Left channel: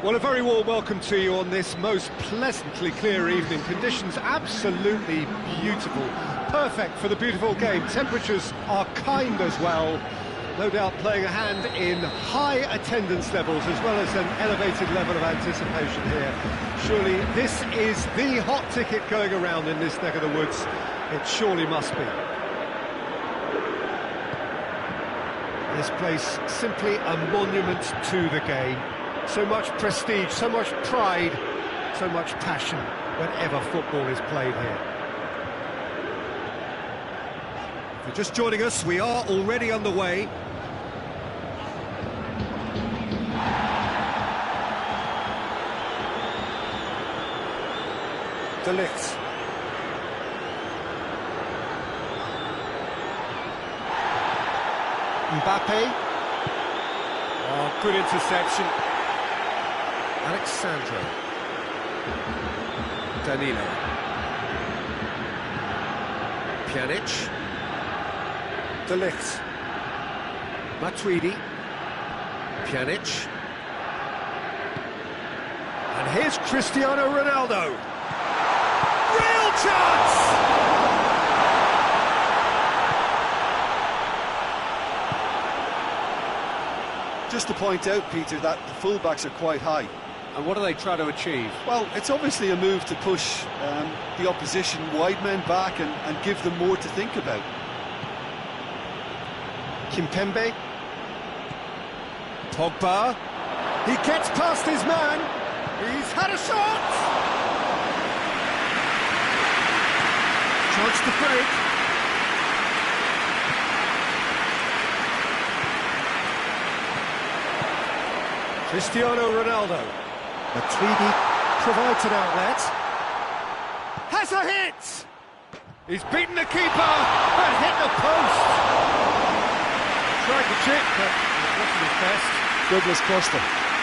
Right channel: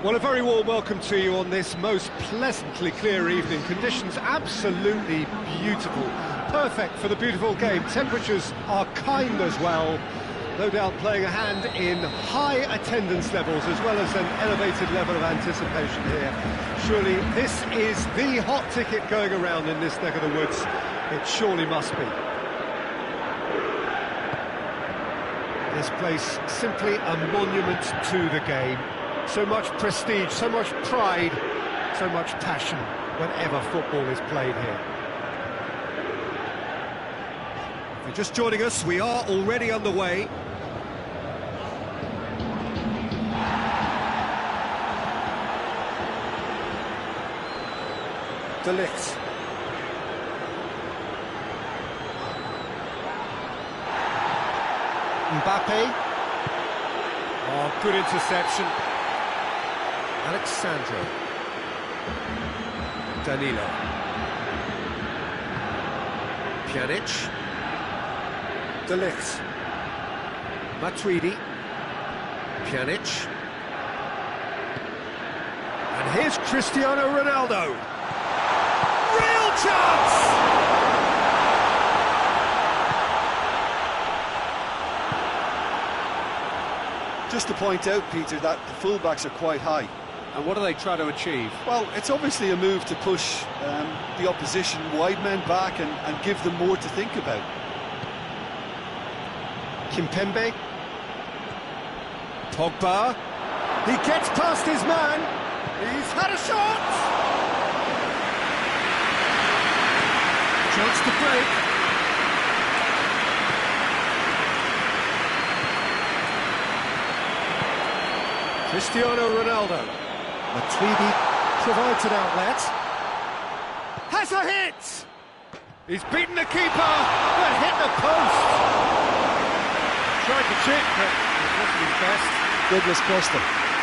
Well, a very warm welcome to you on this most pleasantly clear evening. Conditions absolutely beautiful. Perfect for the beautiful game. Temperatures are kind as well. No doubt playing a hand in high attendance levels as well as an elevated level of anticipation here. Surely this is the hot ticket going around in this neck of the woods. It surely must be. This place simply a monument to the game. So much prestige, so much pride, so much passion whenever football is played here. If you're just joining us, we are already underway. De Ligt. Mbappe. Oh, good interception. Alexandro. Danilo. Pjanic. De Ligt. Matuidi. Pjanic. And here's Cristiano Ronaldo. Real chance! Just to point out, Peter, that the fullbacks are quite high. And what do they try to achieve? Well, it's obviously a move to push the opposition wide men back and give them more to think about. Kimpembe. Pogba. He gets past his man. He's had a shot. Chance to break. Cristiano Ronaldo. Matuidi provides an outlet. Has a hit! He's beaten the keeper, but hit the post. Tried to chip, but it wasn't his best. Douglas Costa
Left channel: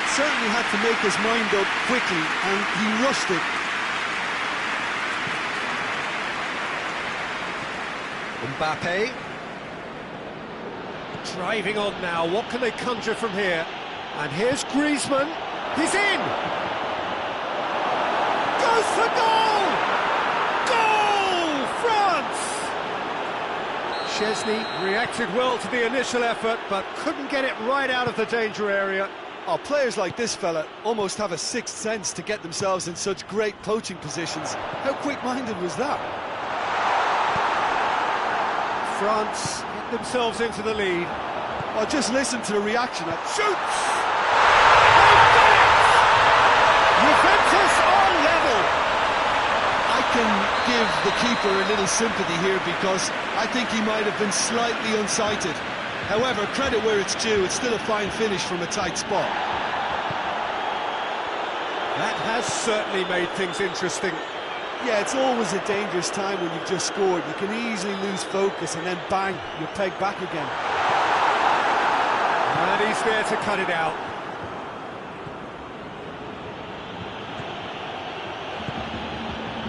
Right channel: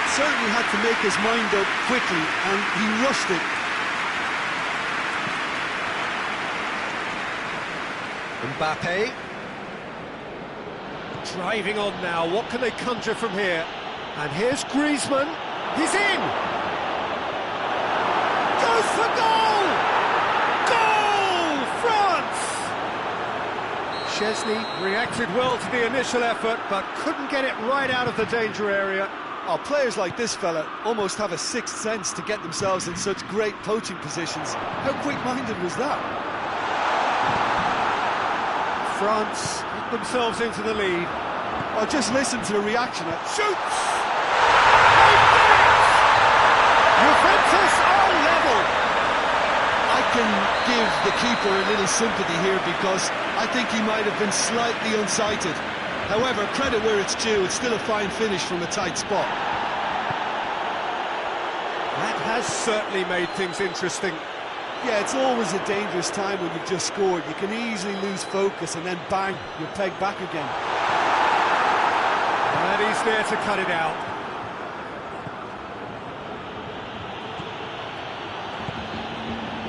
certainly had to make his mind up quickly, and he rushed it. Mbappe. Driving on now, what can they conjure from here? And here's Griezmann, he's in! Goes for goal! Goal! France! Szczesny reacted well to the initial effort, but couldn't get it right out of the danger area. Oh, players like this fella almost have a sixth sense to get themselves in such great poaching positions. How quick-minded was that? France hit themselves into the lead. Well, just listen to the reaction. Shoots! They've done it! Juventus are level! I can give the keeper a little sympathy here because I think he might have been slightly unsighted. However, credit where it's due, it's still a fine finish from a tight spot. That has certainly made things interesting. Yeah, it's always a dangerous time when you've just scored. You can easily lose focus and then bang, you're pegged back again. And he's there to cut it out.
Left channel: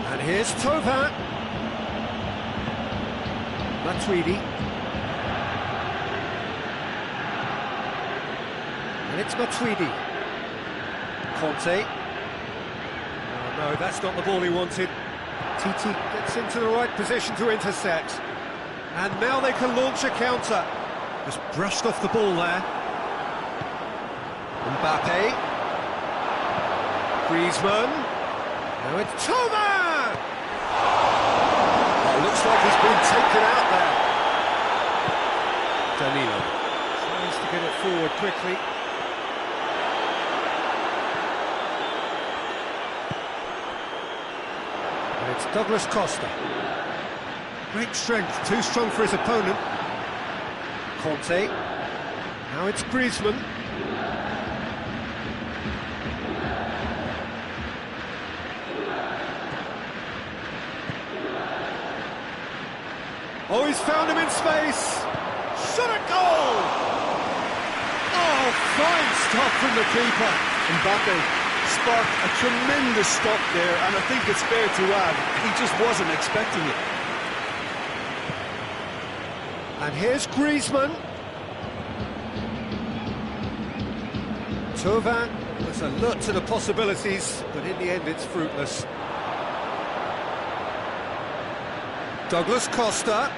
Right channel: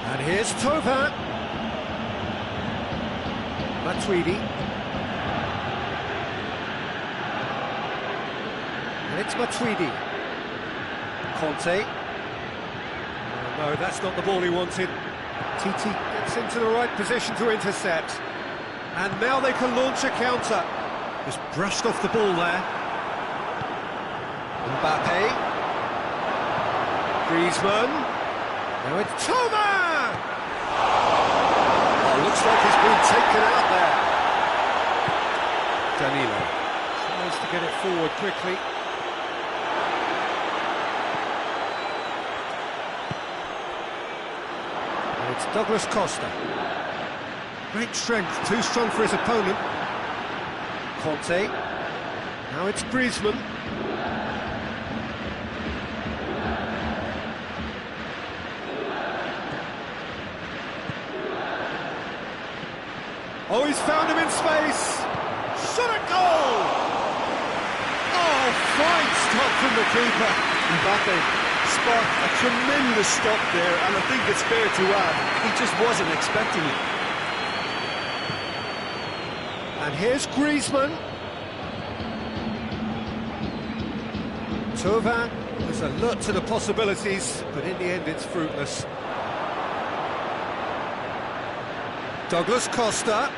And here's Thauvin. Matuidi. And it's Matuidi. Conte. Oh, no, that's not the ball he wanted. Titi gets into the right position to intercept. And now they can launch a counter. Just brushed off the ball there. Mbappe. Griezmann. Now it's Thauvin! Oh, looks like he's been taken out there. Danilo tries to get it forward quickly. And it's Douglas Costa. Great strength, too strong for his opponent. Conte. Now it's Griezmann. Oh, he's found him in space. Shot at goal! Oh, fine stop from the keeper. Mbappe sparked a tremendous stop there, and I think it's fair to add, he just wasn't expecting it. And here's Griezmann. Thauvin was alert to the possibilities, but in the end it's fruitless. Douglas Costa.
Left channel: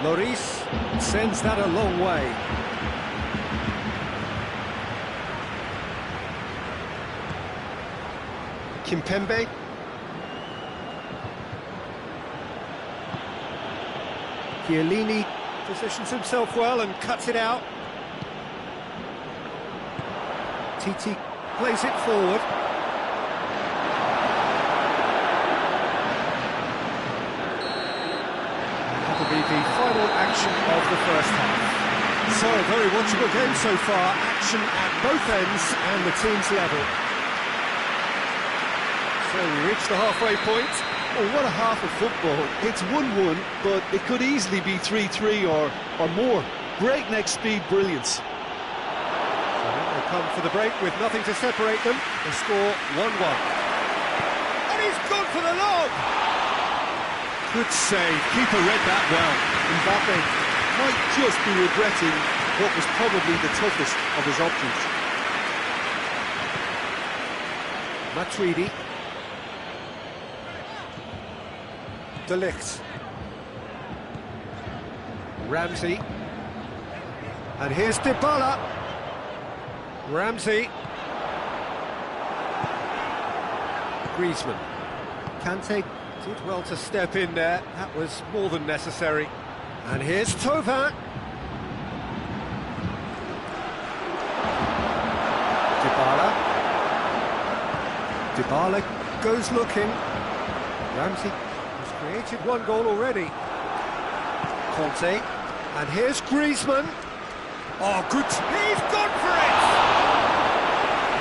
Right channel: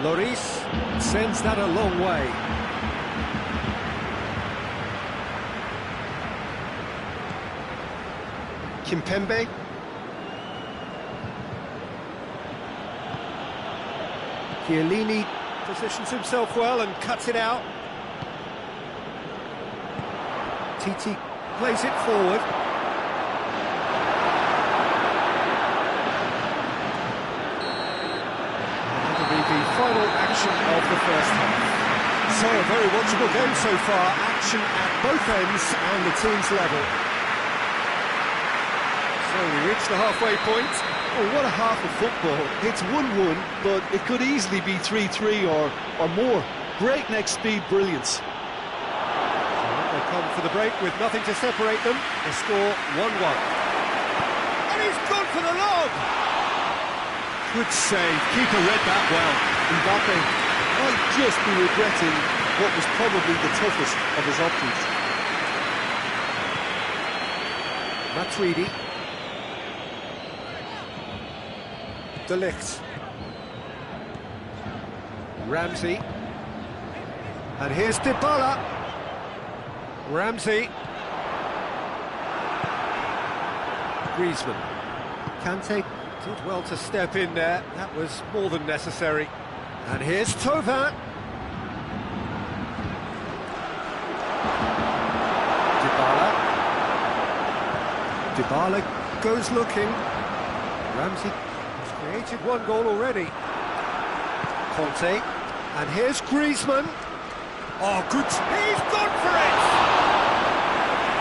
Lloris sends that a long way. Kimpembe. Chiellini positions himself well and cuts it out. Titi plays it forward. That'll be the final action of the first half. So, a very watchable game so far. Action at both ends and the team's level. So we reach the halfway point. Oh, what a half of football. It's 1-1, but it could easily be 3-3 or more. Breakneck speed brilliance. So they come for the break with nothing to separate them. The score 1-1. And he's gone for the lob! Good save. Keeper read that well. Mbappe might just be regretting what was probably the toughest of his options. Matuidi. De Ligt. Ramsey. And here's Dybala. Ramsey. Griezmann. Kante did well to step in there. That was more than necessary. And here's Thauvin. Dybala. Dybala goes looking. Ramsey has created one goal already. Conte. And here's Griezmann. Oh, good. He's gone for it!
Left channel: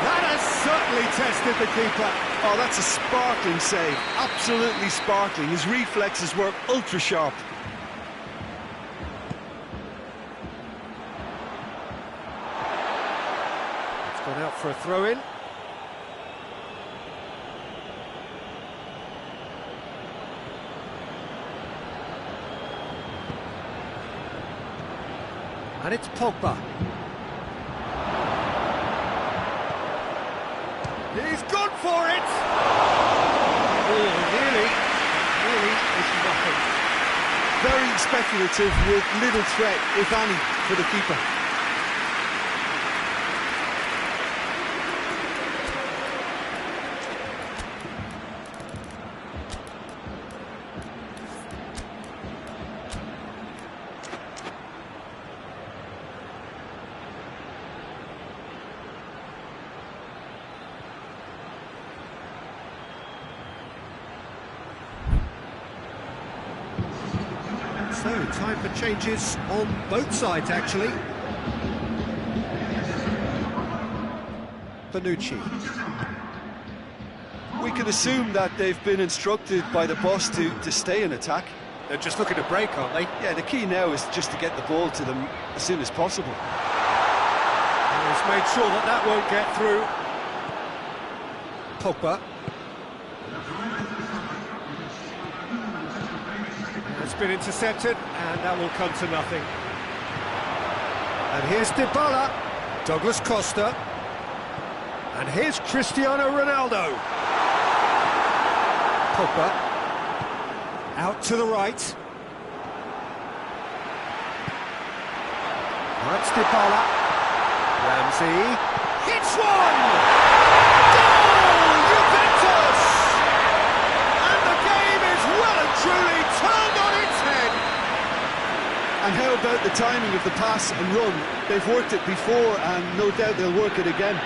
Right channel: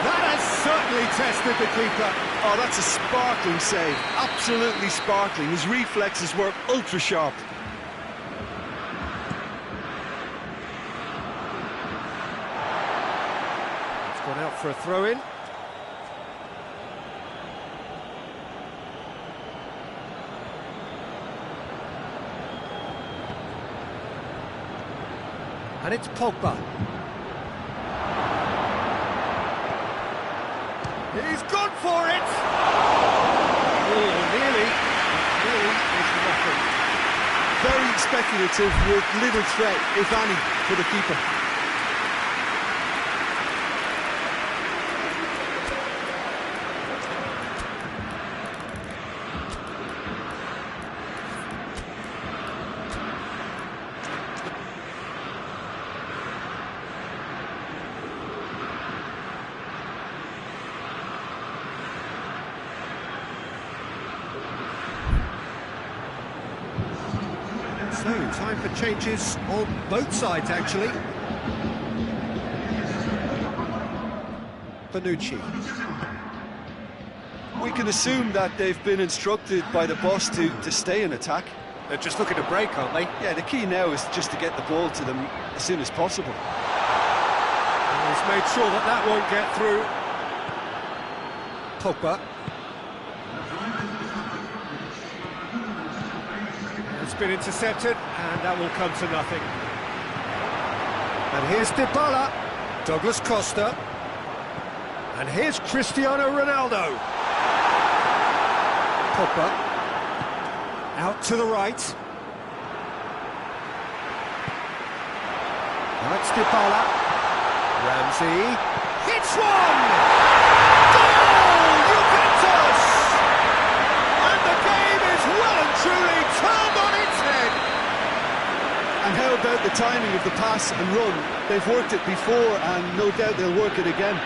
That has certainly tested the keeper. Oh, that's a sparkling save. Absolutely sparkling. His reflexes were ultra sharp. It's gone out for a throw-in. And it's Pogba. He's gone for it! Oh, nearly. But nearly is nothing. Very speculative with little threat, if any, for the keeper. So, time for changes on both sides, actually. Bonucci. We can assume that they've been instructed by the boss to stay in attack. They're just looking to break, aren't they? Yeah, the key now is just to get the ball to them as soon as possible. And he's made sure that that won't get through. Pogba. It's been intercepted, and that will come to nothing. And here's Dybala. Douglas Costa. And here's Cristiano Ronaldo. Pogba. Out to the right. Now it's Dybala. Ramsey. Hits one! Goal! Juventus! And the game is well and truly turned on its head. And how about the timing of the pass and run? They've worked it before, and no doubt they'll work it again.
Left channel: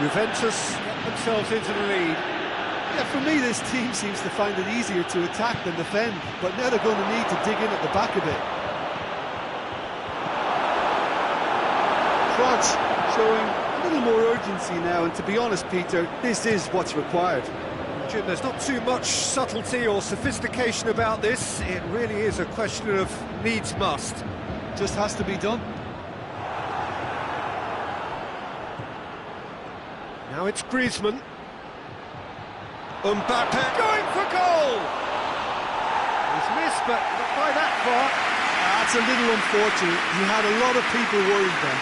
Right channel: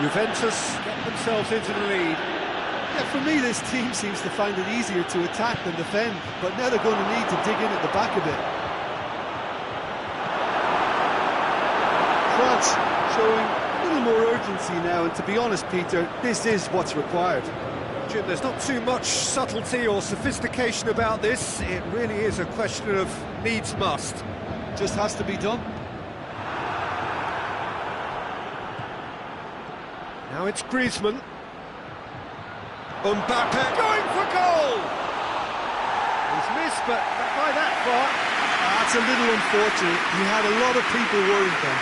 Juventus get themselves into the lead. Yeah, for me, this team seems to find it easier to attack than defend, but now they're going to need to dig in at the back a bit. France showing a little more urgency now, and to be honest, Peter, this is what's required. Jim, there's not too much subtlety or sophistication about this. It really is a question of needs must. Just has to be done. Now it's Griezmann. Mbappe going for goal! He's missed, but not by that far. That's a little unfortunate. He had a lot of people worried then.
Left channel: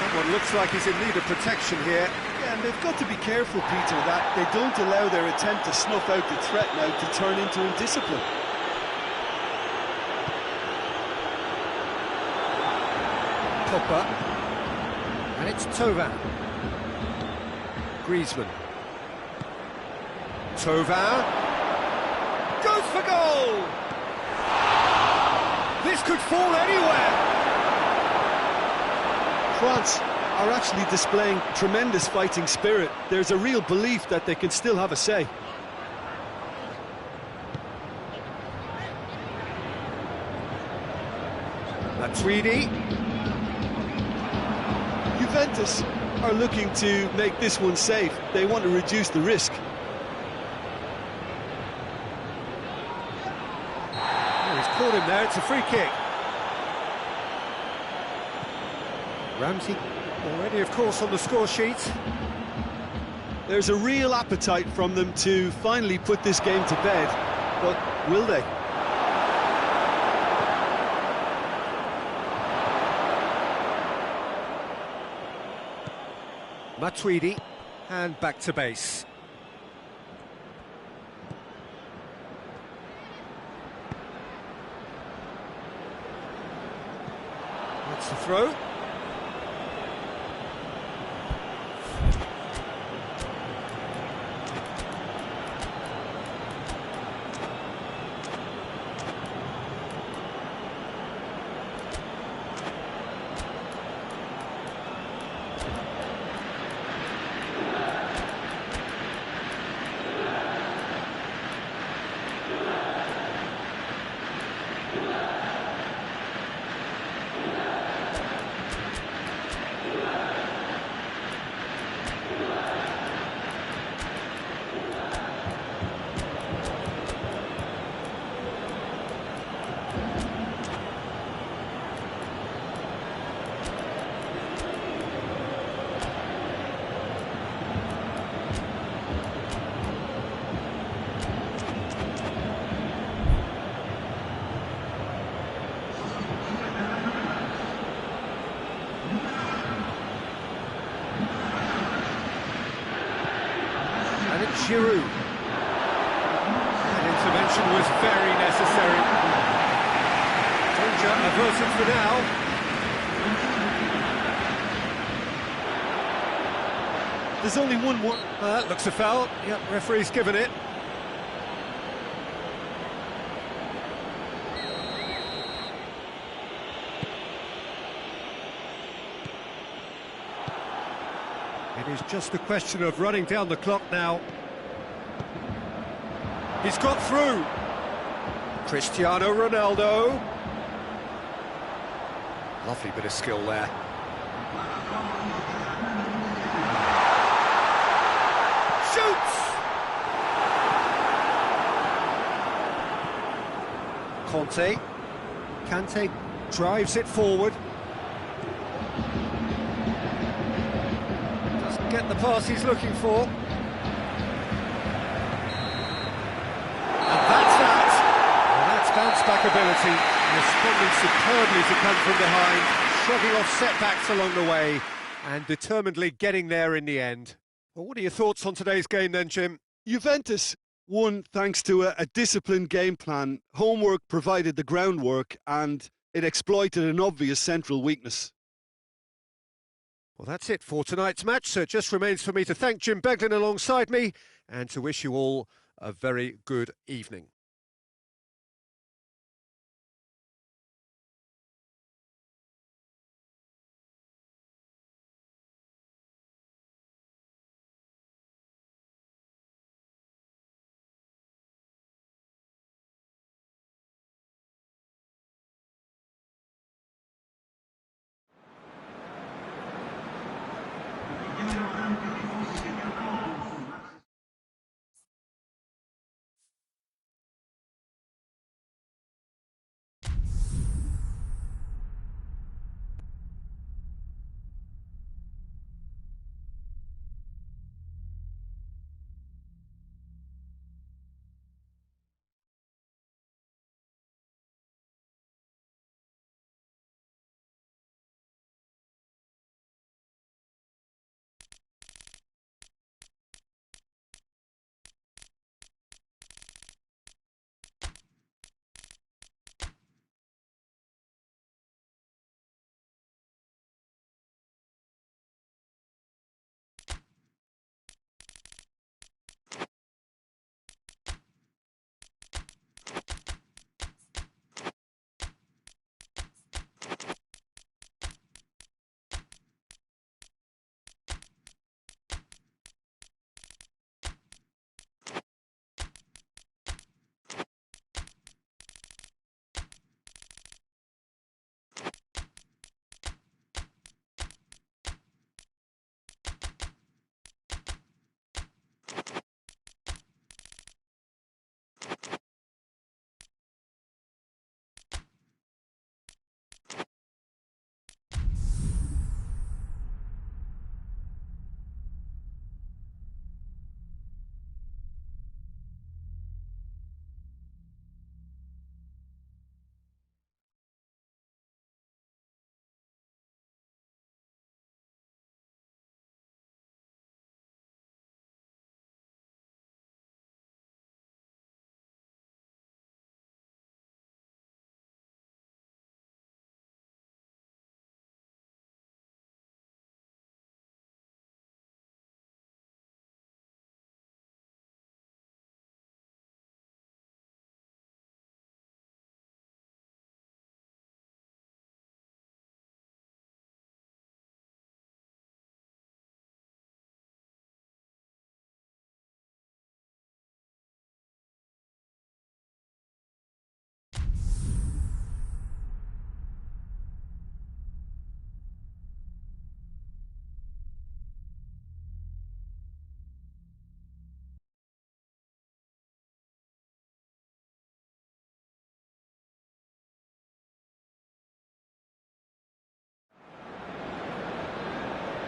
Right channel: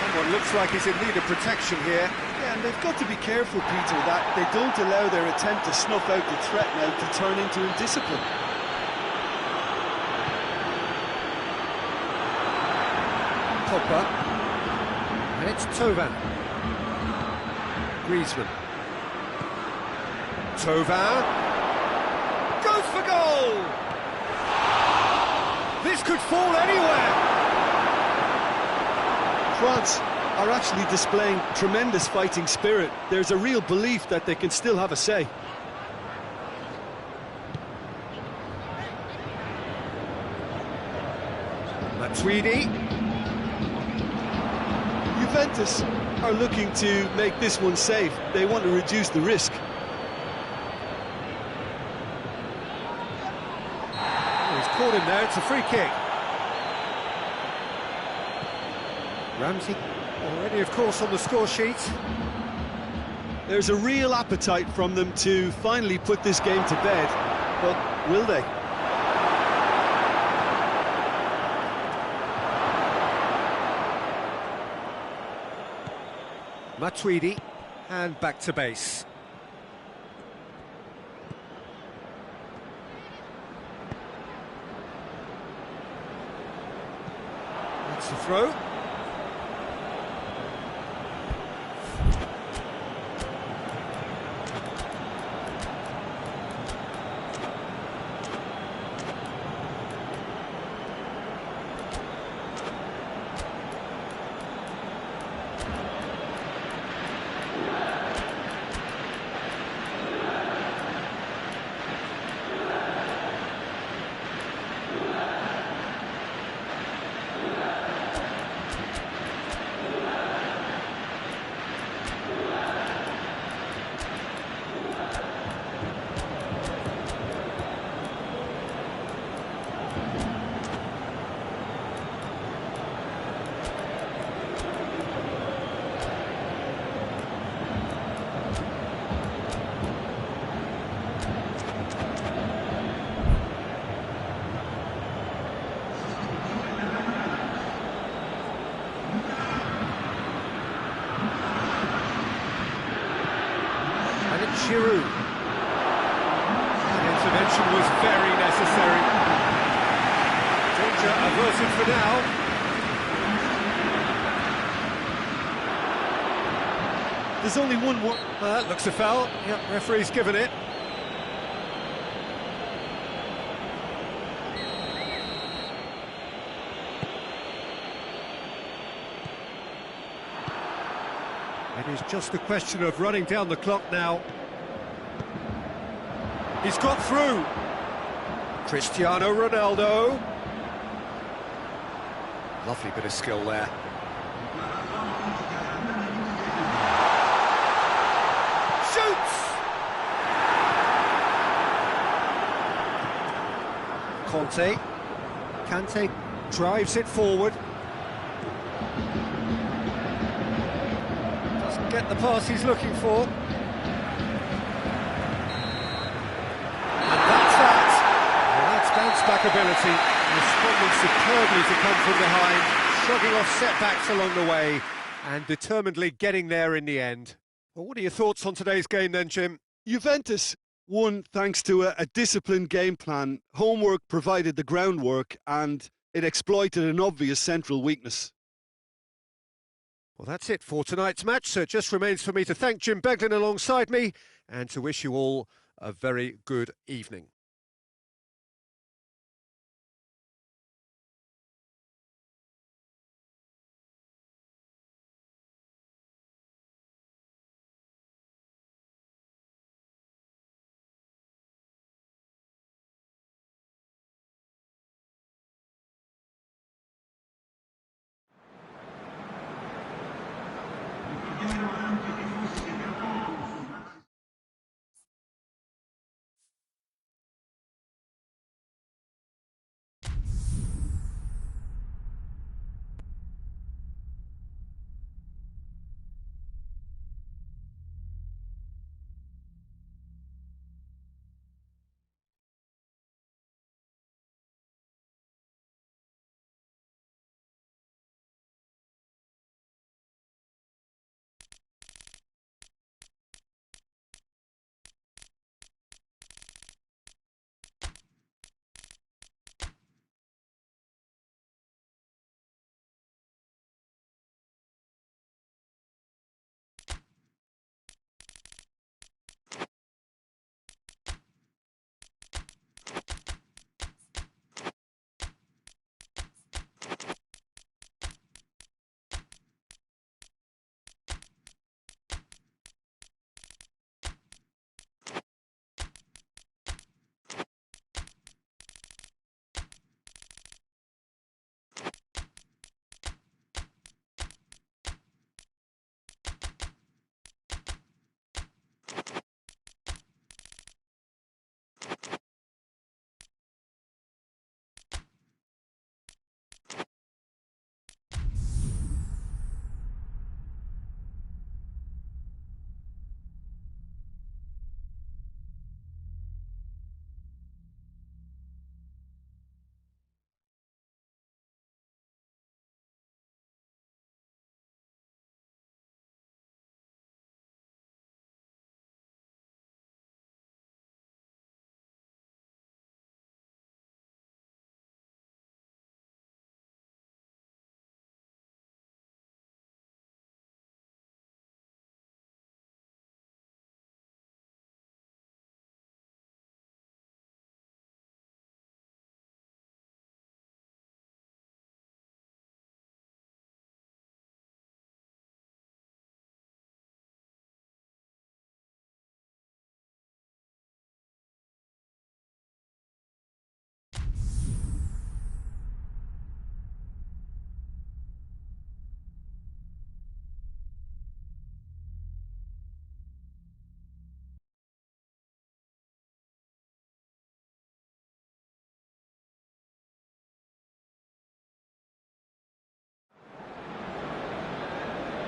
Someone looks like he's in need of protection here. Yeah, and they've got to be careful, Peter, that they don't allow their attempt to snuff out the threat now to turn into indiscipline. Pogba. And it's Thauvin. Griezmann. Thauvin. Goes for goal! This could fall anywhere! France are actually displaying tremendous fighting spirit. There's a real belief that they can still have a say. Matuidi. Juventus are looking to make this one safe. They want to reduce the risk. Oh, he's caught him there, it's a free kick. Ramsey already, of course, on the score sheet. There's a real appetite from them to finally put this game to bed, but will they? Matuidi, and back to base. That's the throw. And it's Giroud. That intervention was very necessary. Danger averted for now. There's only one more. That looks a foul. Yep, referee's given it. It is just a question of running down the clock now. He's got through. Cristiano Ronaldo. Lovely bit of skill there. Shoots! Kante drives it forward. Doesn't get the pass he's looking for. And that's that. Well, that's bounce-back ability, responding superbly to come from behind, shrugging off setbacks along the way, and determinedly getting there in the end. Well, what are your thoughts on today's game then, Jim? Juventus won thanks to a disciplined game plan. Homework provided the groundwork, and it exploited an obvious central weakness. Well, that's it for tonight's match, so it just remains for me to thank Jim Beglin alongside me and to wish you all a very good evening.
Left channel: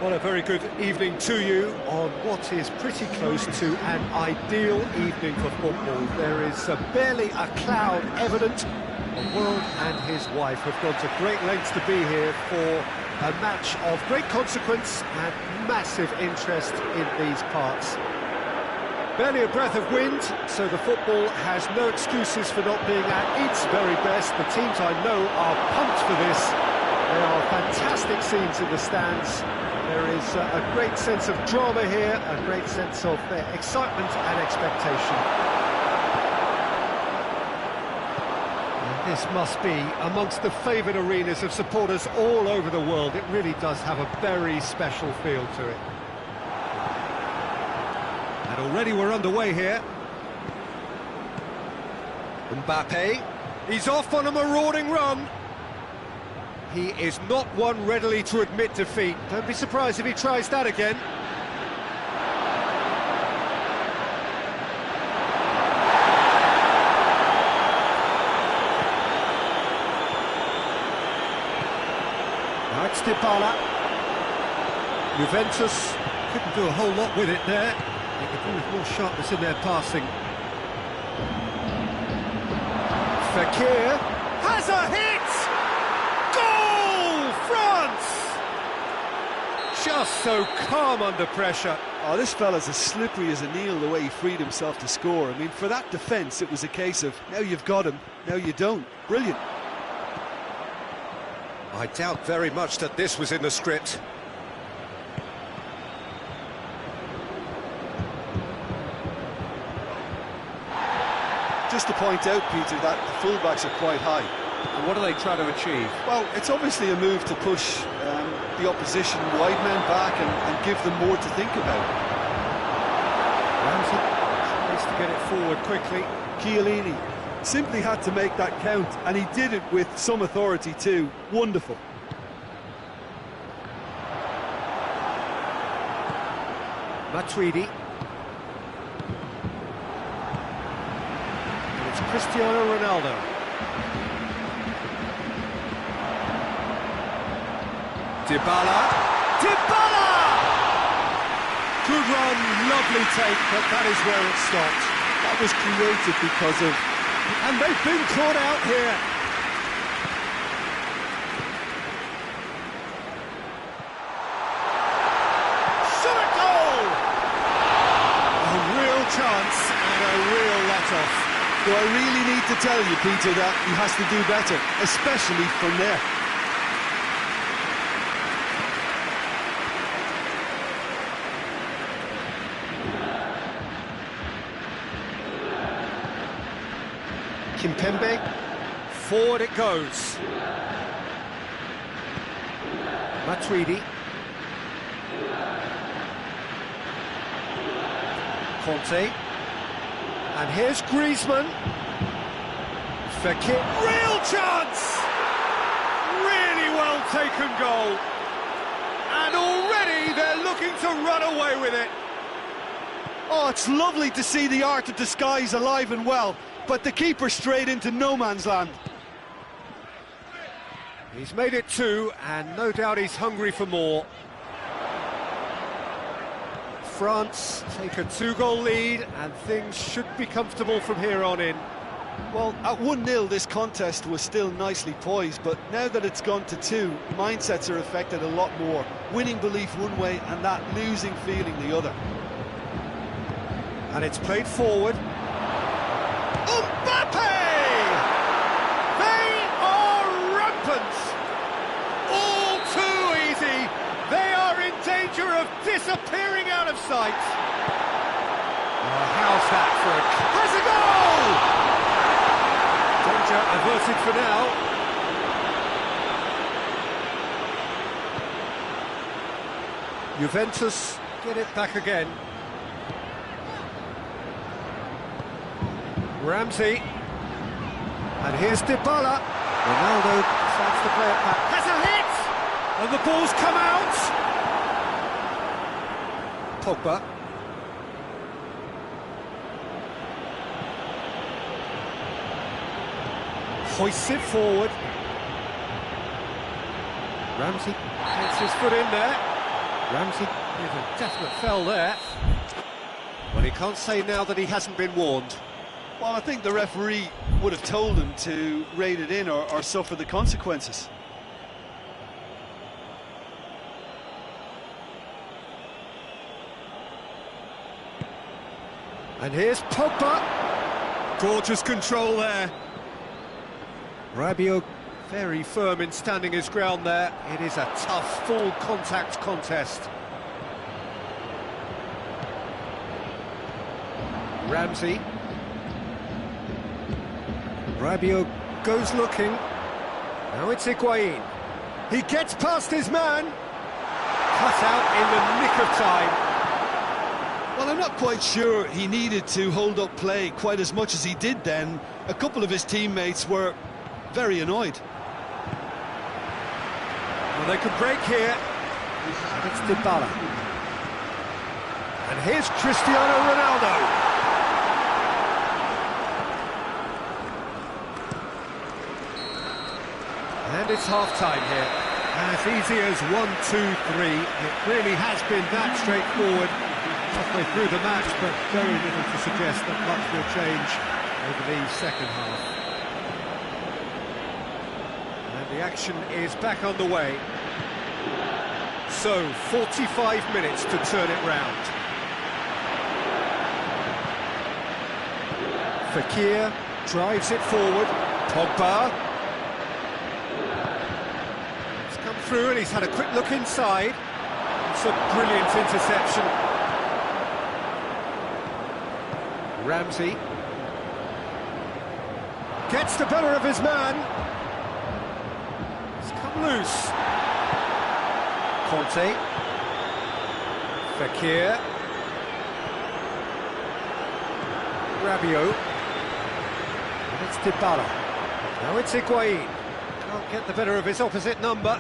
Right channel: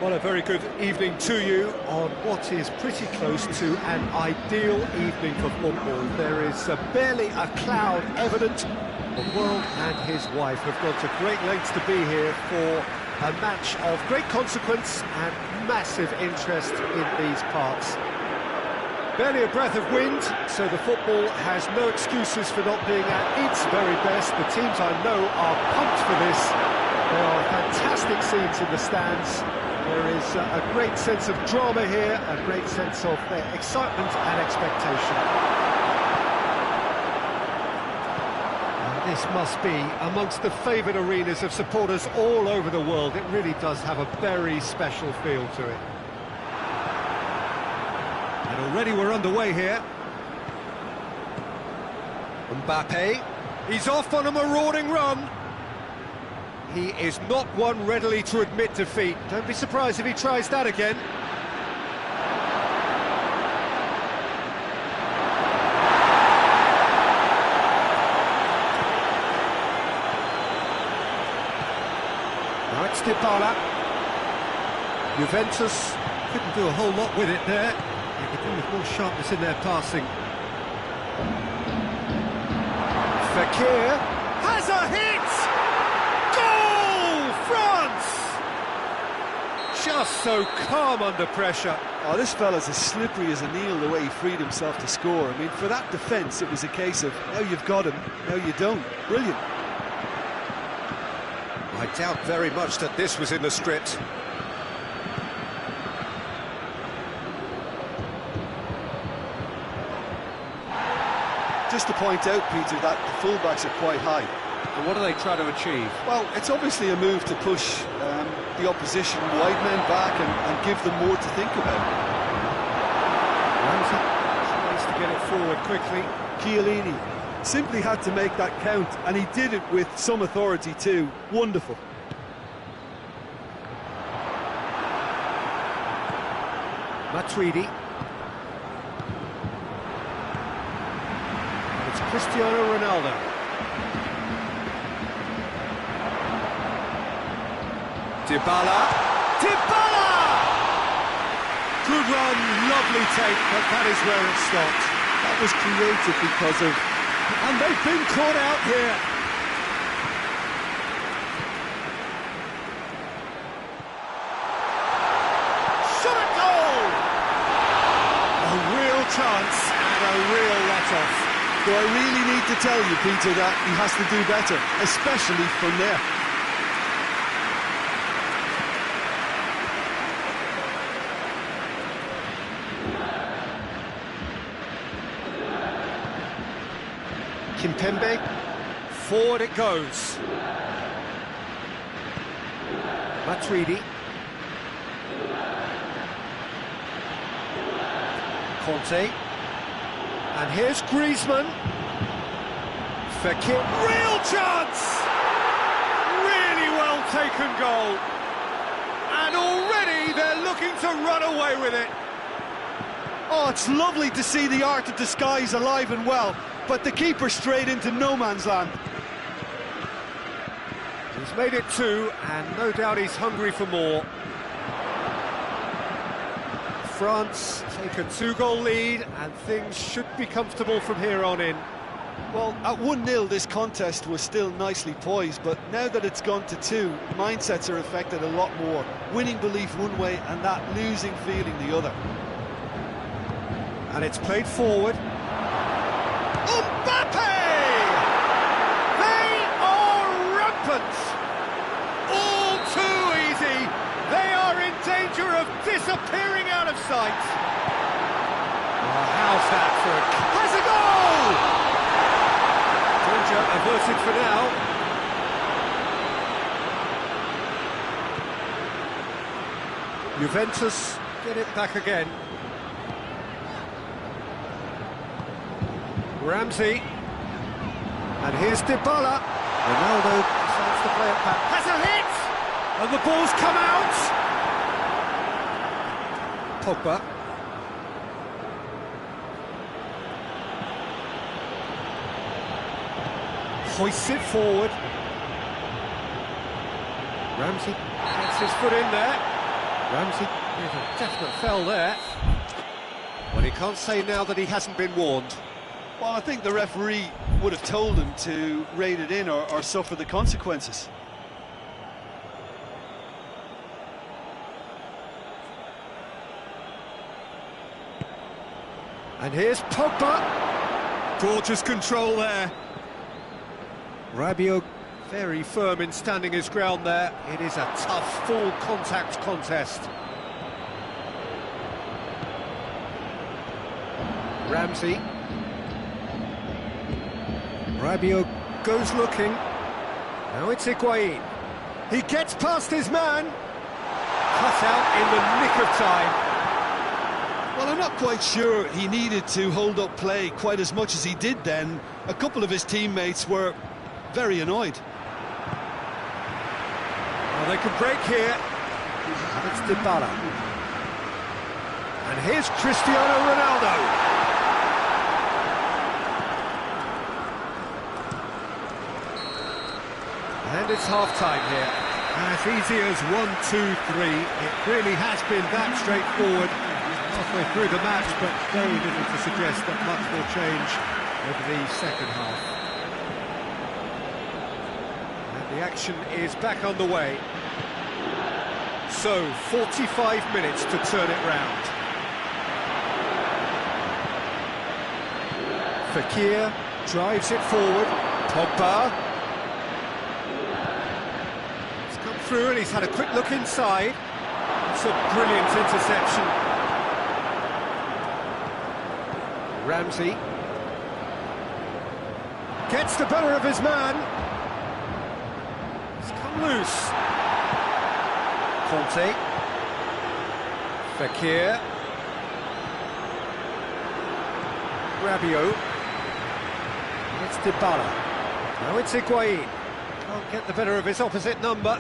Well, a very good evening to you on what is pretty close to an ideal evening for football. There is barely a cloud evident. The world and his wife have gone to great lengths to be here for a match of great consequence and massive interest in these parts. Barely a breath of wind, so the football has no excuses for not being at its very best. The teams I know are pumped for this. There are fantastic scenes in the stands. There is a great sense of drama here, a great sense of excitement and expectation. And this must be amongst the favoured arenas of supporters all over the world. It really does have a very special feel to it. And already we're underway here. Mbappe, he's off on a marauding run. He is not one readily to admit defeat. Don't be surprised if he tries that again. Now it's Dybala. Juventus couldn't do a whole lot with it there. They could do with more sharpness in their passing. Fekir has a hit! Goal! France! Just so calm under pressure. Oh, this fella's as slippery as an eel the way he freed himself to score. I mean, for that defence, it was a case of, now you've got him, now you don't. Brilliant. I doubt very much that this was in the script. Just to point out, Peter, that the fullbacks are quite high. And what are they trying to achieve? Well, it's obviously a move to push the opposition wide men back and give them more to think about. Ramsey tries to get it forward quickly. Chiellini simply had to make that count, and he did it with some authority too. Wonderful. Matuidi. And it's Cristiano Ronaldo. Dybala! Dybala! Good run, lovely take, but that is where it stopped. That was created because of... And they've been caught out here. Shot a goal! A real chance and a real let-off. Do I really need to tell you, Peter, that he has to do better, especially from there? Kimpembe, forward it goes. Matuidi. Conte. And here's Griezmann. Fekir. Real chance! Really well taken goal. And already they're looking to run away with it. Oh, it's lovely to see the art of disguise alive and well, but the keeper straight into no man's land. He's made it two, and no doubt he's hungry for more. France take a two-goal lead, and things should be comfortable from here on in. Well, at 1-0 this contest was still nicely poised, but now that it's gone to 2, mindsets are affected a lot more. Winning belief one way and that losing feeling the other. And it's played forward. Mbappe! They are rampant! All too easy! They are in danger of disappearing out of sight! Oh, how's that for a... Has a goal! Danger averted for now. Juventus get it back again. Ramsey, and here's Dybala. Ronaldo decides to play it back. Has a hit! And the ball's come out! Pogba. Hoists it forward. Ramsey gets his foot in there. Ramsey with a definite foul there. Well, he can't say now that he hasn't been warned. Well, I think the referee would have told him to rate it in or suffer the consequences. And here's Pogba. Gorgeous control there. Rabiot very firm in standing his ground there. It is a tough, full contact contest. Ramsey. Rabiot goes looking. Now it's Higuain. He gets past his man. Cut out in the nick of time. Well, I'm not quite sure he needed to hold up play quite as much as he did then. A couple of his teammates were very annoyed. Well, they can break here. And it's Dybala. And here's Cristiano Ronaldo. And it's half-time here. As easy as 1, 2, 3. It really has been that straightforward halfway through the match, but very little to suggest that much will change over the second half. And the action is back on the way. So, 45 minutes to turn it round. Fekir drives it forward. Pogba. He's come through and he's had a quick look inside. It's a brilliant interception. Ramsey gets the better of his man. It's come loose. Conte. Fekir. Rabiot. And it's Dybala. Now it's Higuain. Can't get the better of his opposite number.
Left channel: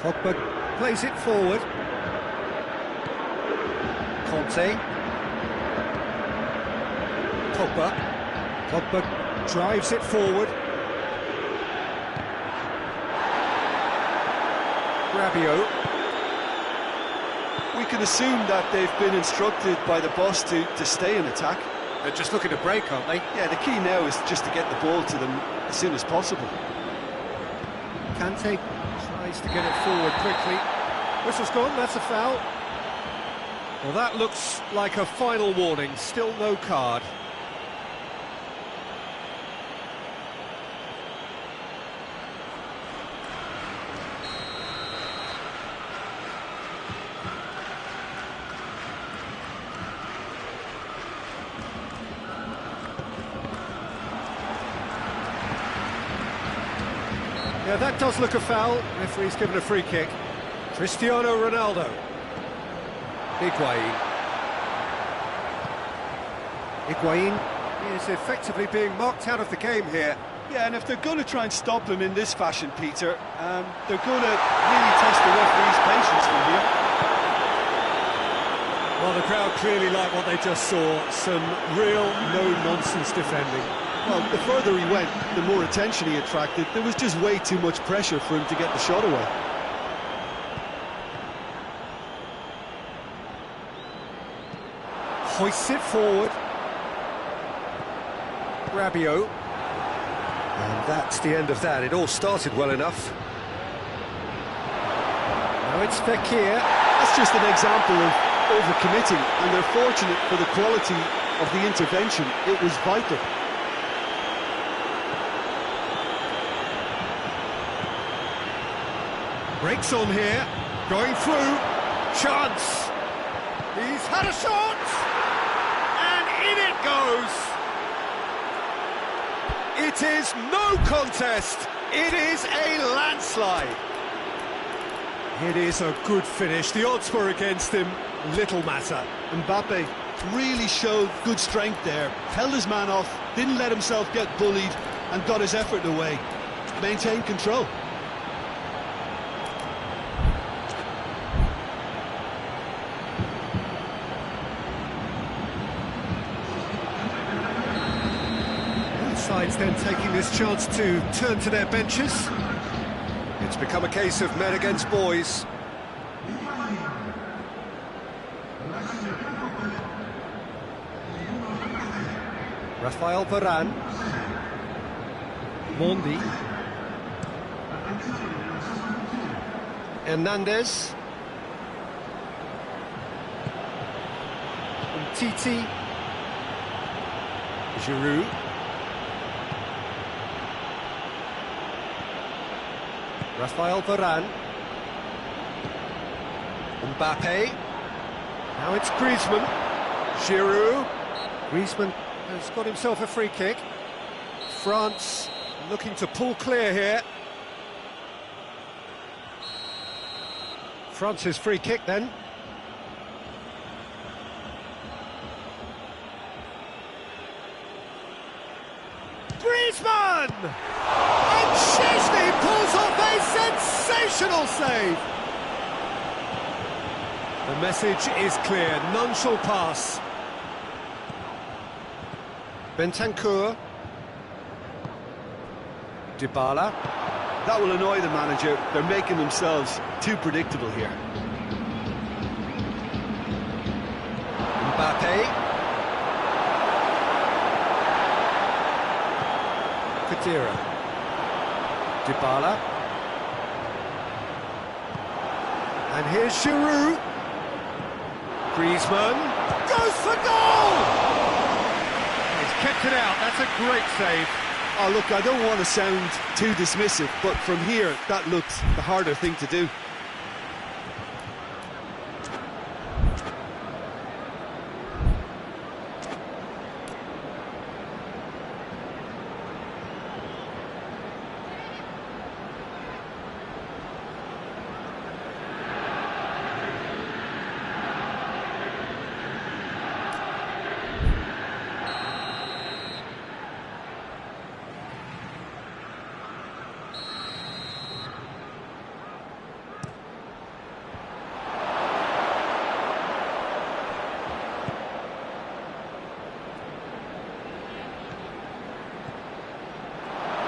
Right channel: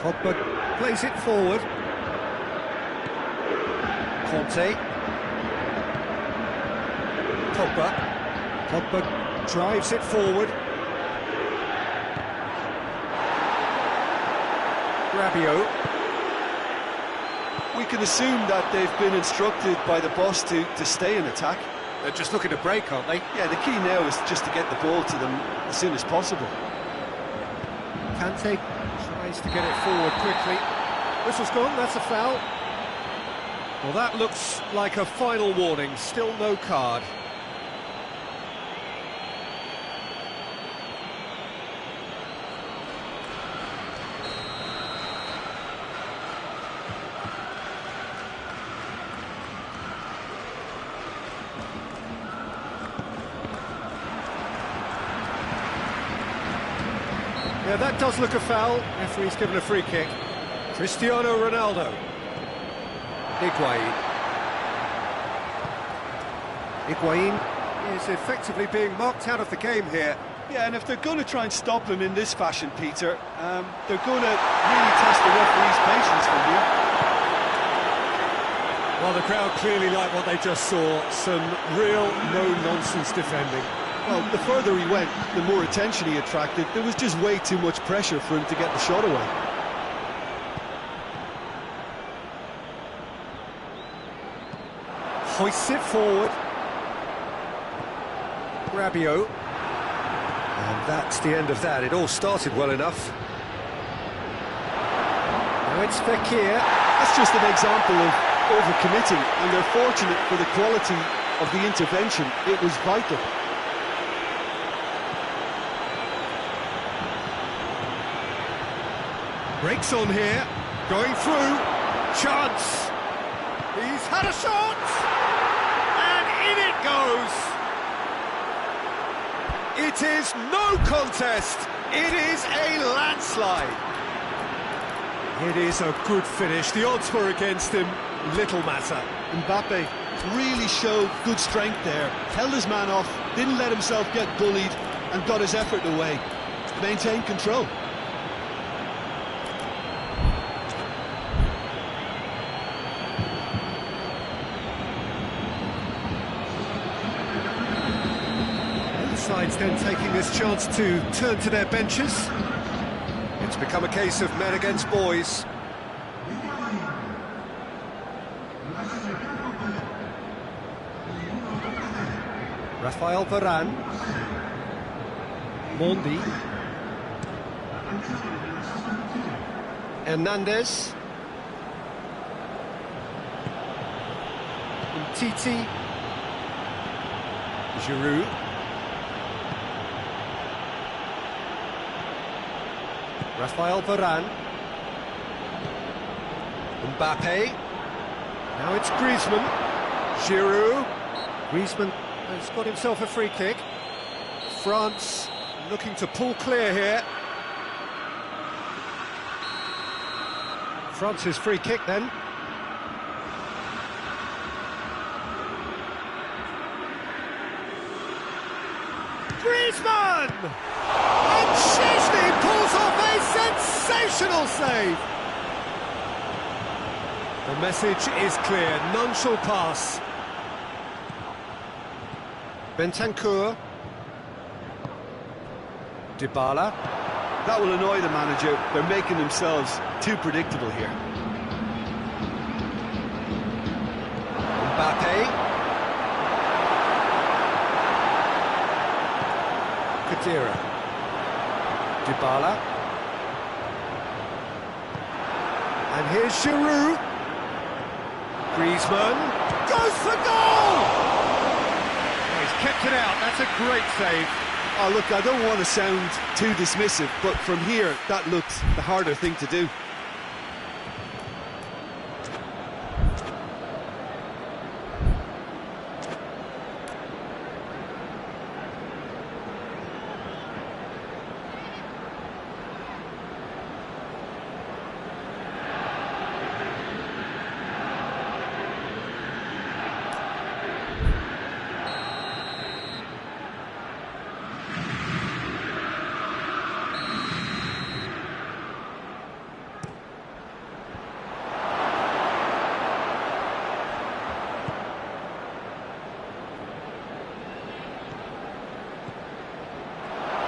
Pogba plays it forward. Conte. Pogba drives it forward. Rabiot. We can assume that they've been instructed by the boss to stay in attack. They're just looking to break, aren't they? Yeah, the key now is just to get the ball to them as soon as possible. Kante tries to get it forward quickly. Whistle's gone, that's a foul. Well, that looks like a final warning, still no card. Yeah, that does look a foul. Referee's given a free kick. Cristiano Ronaldo. Higuain. Higuain is effectively being marked out of the game here. Yeah, and if they're going to try and stop him in this fashion, Peter, they're going to really test the referee's patience from here. Well, the crowd clearly like what they just saw. Some real no-nonsense defending. Well, the further he went, the more attention he attracted. There was just way too much pressure for him to get the shot away. Hoists it forward. Rabiot. And that's the end of that. It all started well enough. Now it's Fekir. That's just an example of overcommitting, and they're fortunate for the quality of the intervention. It was vital. Breaks on here, going through, chance, he's had a shot, and in it goes. It is no contest, it is a landslide. It is a good finish, the odds were against him, little matter. Mbappe really showed good strength there, held his man off, didn't let himself get bullied, and got his effort away, maintained control. Sides then taking this chance to turn to their benches. It's become a case of men against boys. Rafael Varane. Mondi. Hernandez. Umtiti. Giroud. Rafael Varane. Mbappe. Now it's Griezmann. Giroud. Griezmann has got himself a free kick. France looking to pull clear here. France's free kick then. Griezmann! And Szczesny pulls off a sensational save! The message is clear, none shall pass. Bentancur. Dybala. That will annoy the manager. They're making themselves too predictable here. Mbappe. Khedira. Dybala. And here's Giroud. Griezmann goes for goal! He's kept it out, that's a great save. Oh, look, I don't want to sound too dismissive, but from here, that looks the harder thing to do.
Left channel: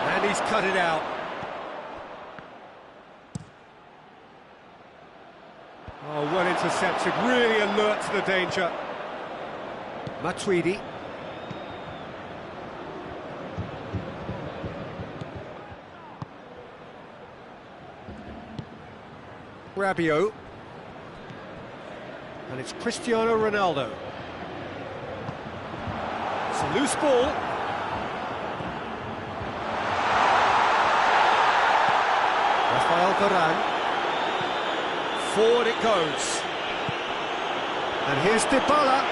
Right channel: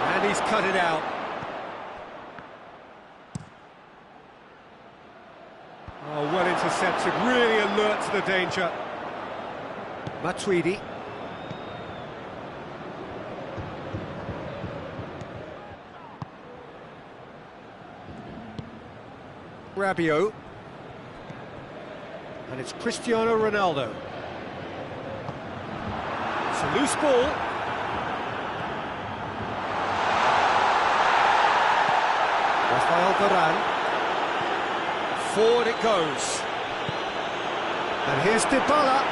And he's cut it out. Oh, well intercepted, really alert to the danger. Matuidi. Rabiot. And it's Cristiano Ronaldo. It's a loose ball. Rafael Varane. Forward it goes. And here's Dybala.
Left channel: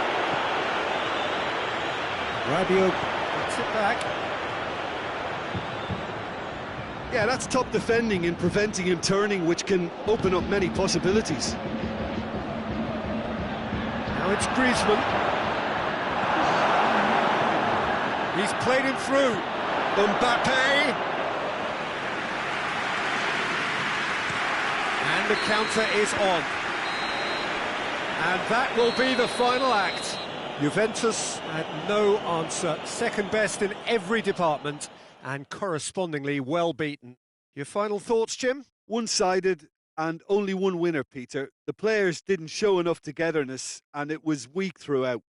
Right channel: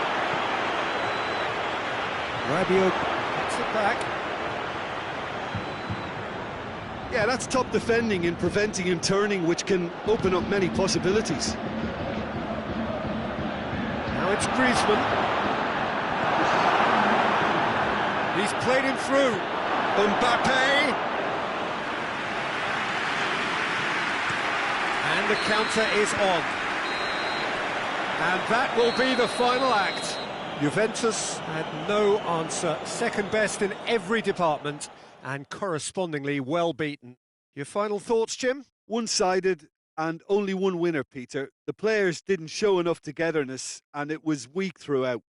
Rabiot gets it back. Yeah, that's top defending and preventing him turning, which can open up many possibilities. Now it's Griezmann. He's played him through. Mbappe. And the counter is on. And that will be the final act. Juventus had no answer. Second best in every department and correspondingly well beaten. Your final thoughts, Jim? One-sided and only one winner, Peter. The players didn't show enough togetherness and it was weak throughout.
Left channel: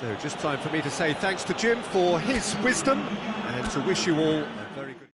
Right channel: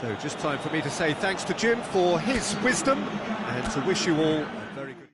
So just time for me to say thanks to Jim for his wisdom and to wish you all a very good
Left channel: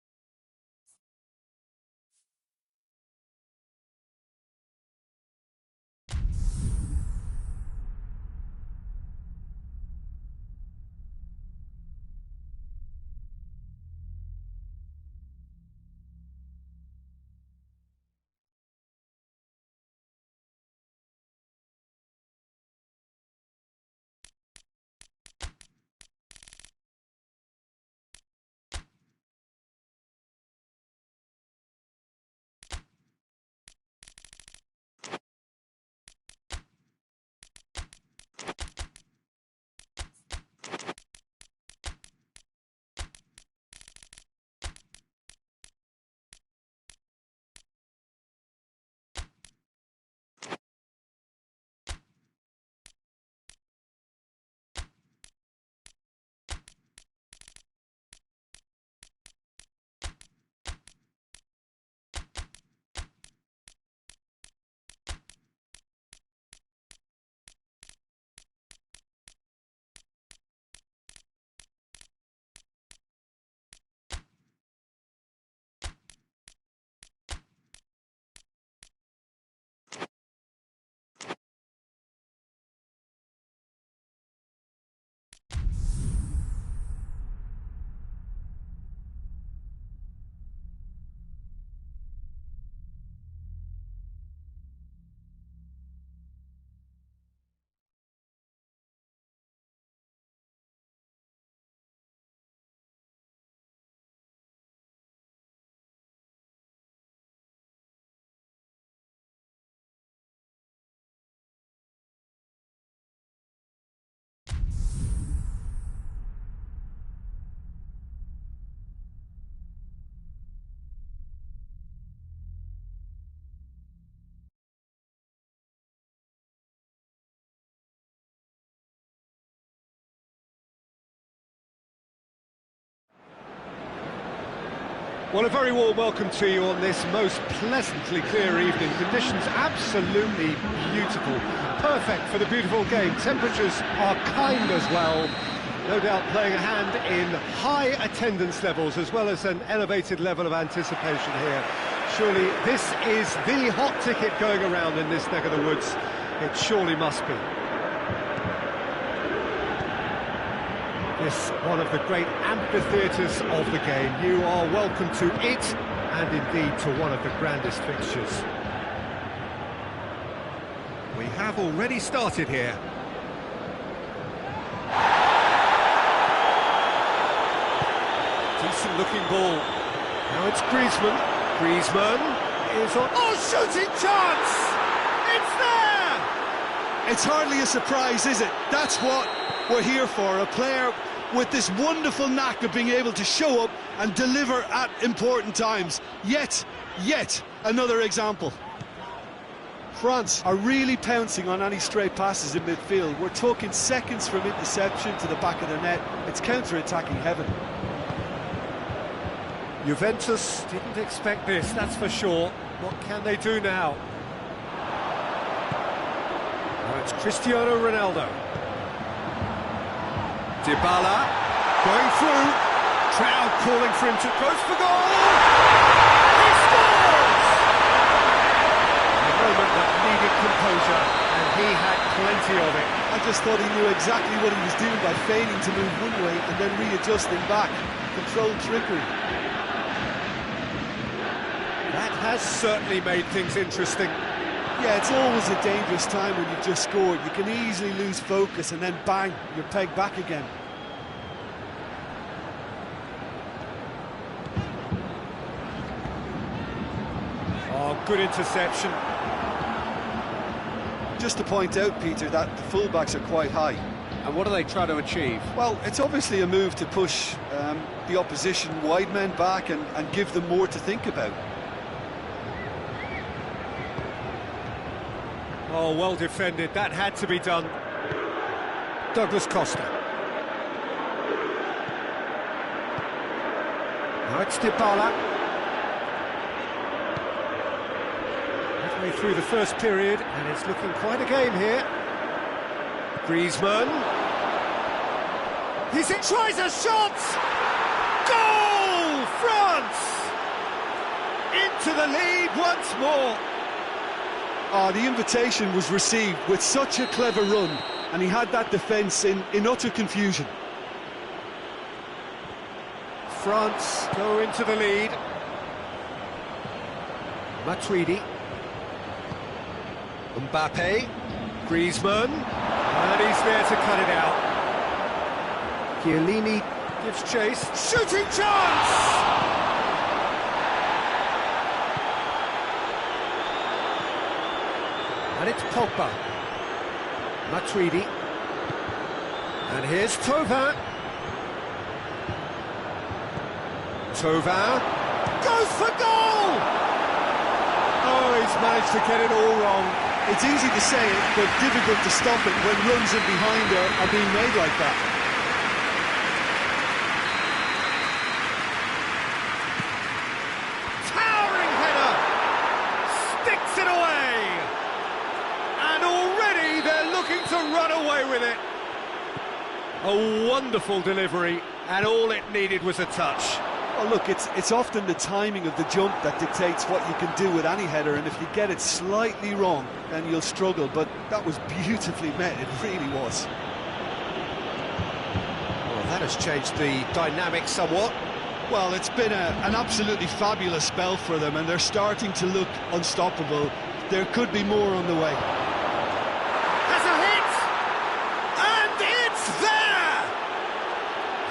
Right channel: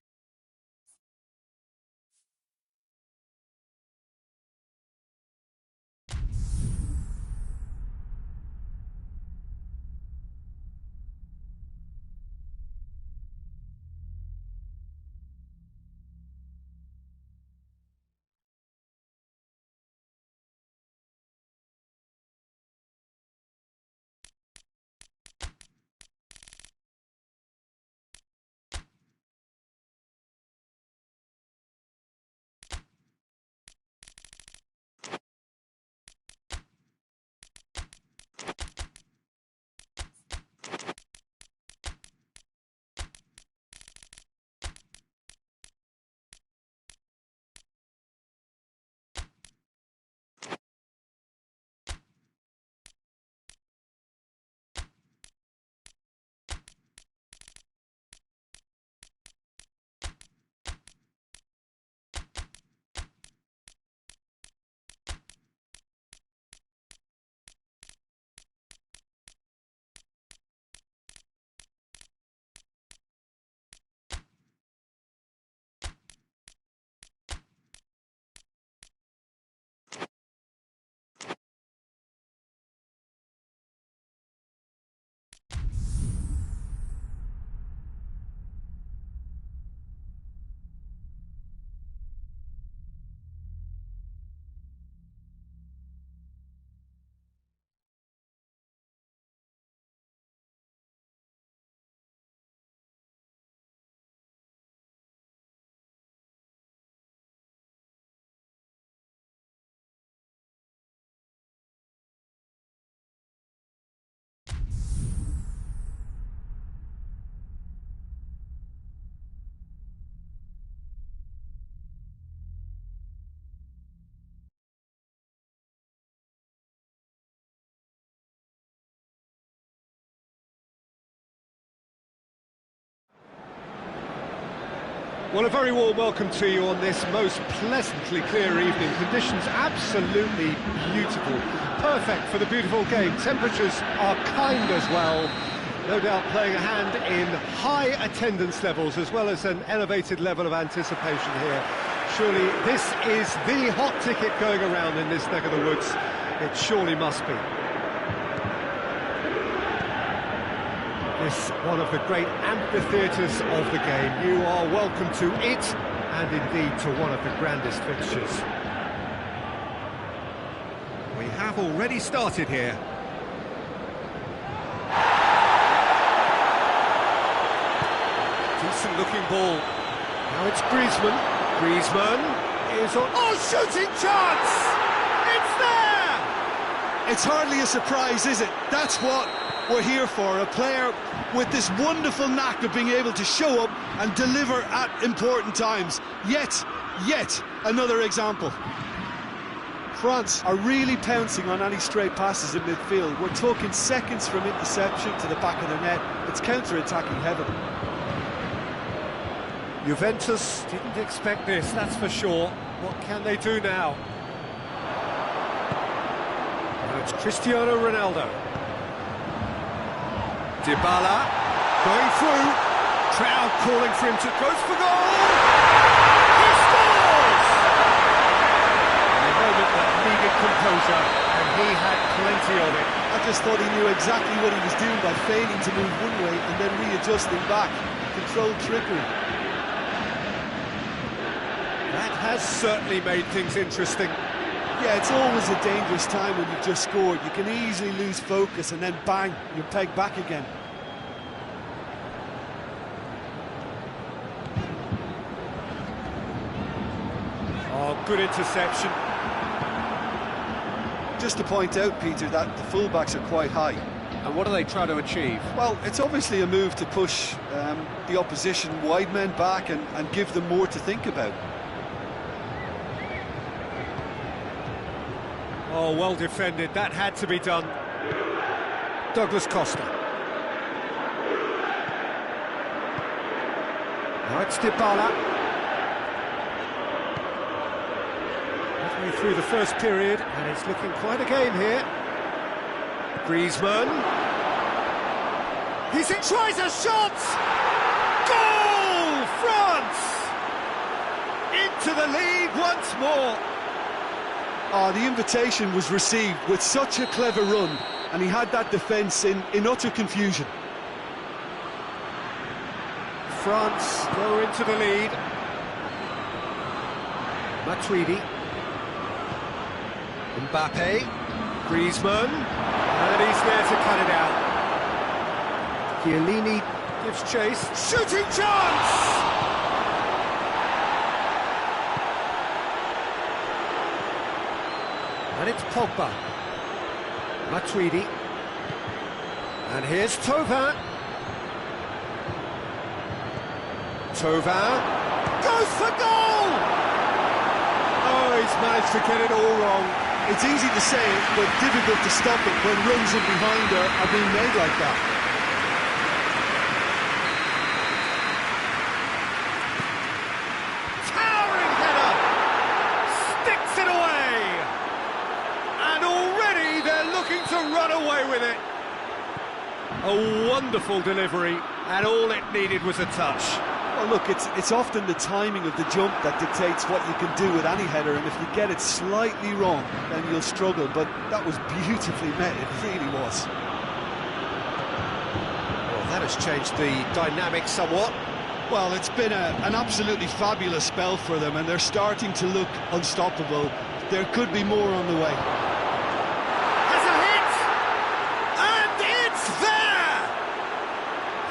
Well, a very warm welcome to you on this most pleasantly clear evening. Conditions absolutely beautiful. Perfect for the beautiful game. Temperatures are kind as well. No doubt playing a hand in high attendance levels as well as an elevated level of anticipation here. Surely this is the hot ticket going around in this neck of the woods. It surely must be. This one of the great amphitheatres of the game. You are welcome to it, and indeed to one of the grandest fixtures. We have already started here. Decent looking ball. Now it's Griezmann. Griezmann is on... Oh, shooting chance! It's there! It's hardly a surprise, is it? That's what we're here for, a player with this wonderful knack of being able to show up and deliver at important times. Yet another example. France are really pouncing on any stray passes in midfield. We're talking seconds from interception to the back of the net. It's counter-attacking heaven. Juventus didn't expect this, that's for sure. What can they do now? Now it's Cristiano Ronaldo. Dybala going through. Crowd calling for him to go for goal. He scores! A moment that needed composure, and he had plenty of it. I just thought he knew exactly what he was doing by feigning to move one way and then readjusting back. Controlled trickery. That has certainly made things interesting. Yeah, it's always a dangerous time when you've just scored. You can easily lose focus and then bang, you're pegged back again. Oh, good interception. Just to point out, Peter, that the fullbacks are quite high. And what are they trying to achieve? Well, it's obviously a move to push the opposition wide men back and give them more to think about. Oh, well defended. That had to be done. Douglas Costa. Now it's Dybala. Halfway through the first period, and it's looking quite a game here. Griezmann. Tries a shot! Goal! France! Into the lead once more. The invitation was received with such a clever run, and he had that defence in utter confusion. France go into the lead. Matuidi. Mbappe. Griezmann. And he's there to cut it out. Chiellini gives chase. Shooting chance! And it's Pogba. Matuidi. And here's Thauvin. Thauvin goes for goal! Oh, he's managed to get it all wrong. It's easy to say it, but difficult to stop it when runs in behind are being made like that. Towering header! Sticks it away! And already they're looking to run away with it. A wonderful delivery, and all it needed was a touch. Well, look, it's often the timing of the jump that dictates what you can do with any header, and if you get it slightly wrong, then you'll struggle, but that was beautifully met, it really was. Well, that has changed the dynamic somewhat. Well, it's been an absolutely fabulous spell for them, and they're starting to look unstoppable. There could be more on the way. Has a hit! And it's there!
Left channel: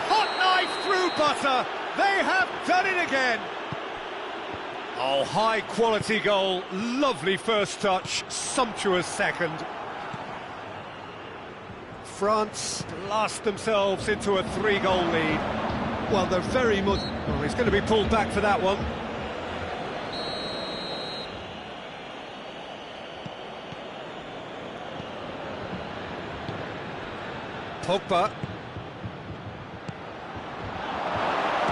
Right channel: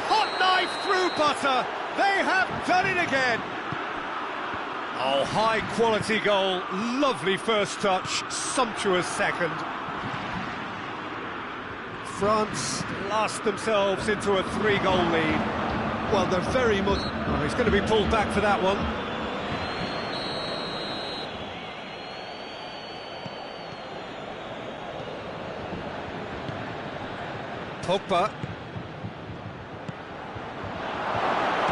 Hot knife through butter. They have done it again. Oh, high-quality goal. Lovely first touch. Sumptuous second. France last themselves into a 3-goal lead. Well, they're very much... Oh, he's going to be pulled back for that one. Pogba.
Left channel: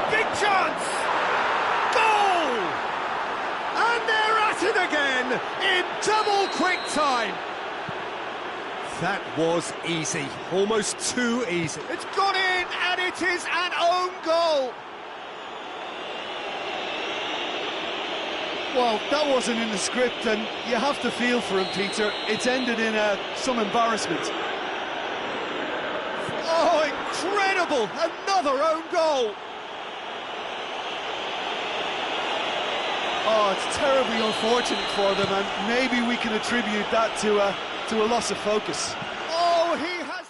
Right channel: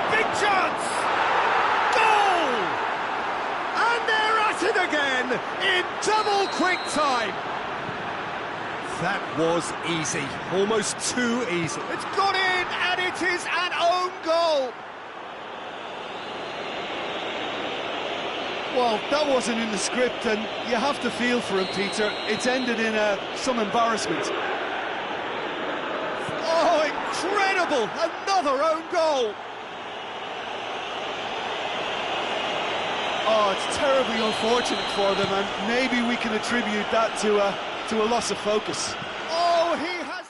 Big chance! Goal! and again in double quick time. That was easy, almost too easy. It's got in, and it is an own goal. Well, that wasn't in the script, and you have to feel for him, Peter. It's ended in some embarrassment. Oh, incredible! Another own goal. Oh, it's terribly unfortunate for them, and maybe we can attribute that to a loss of focus. Oh, he has...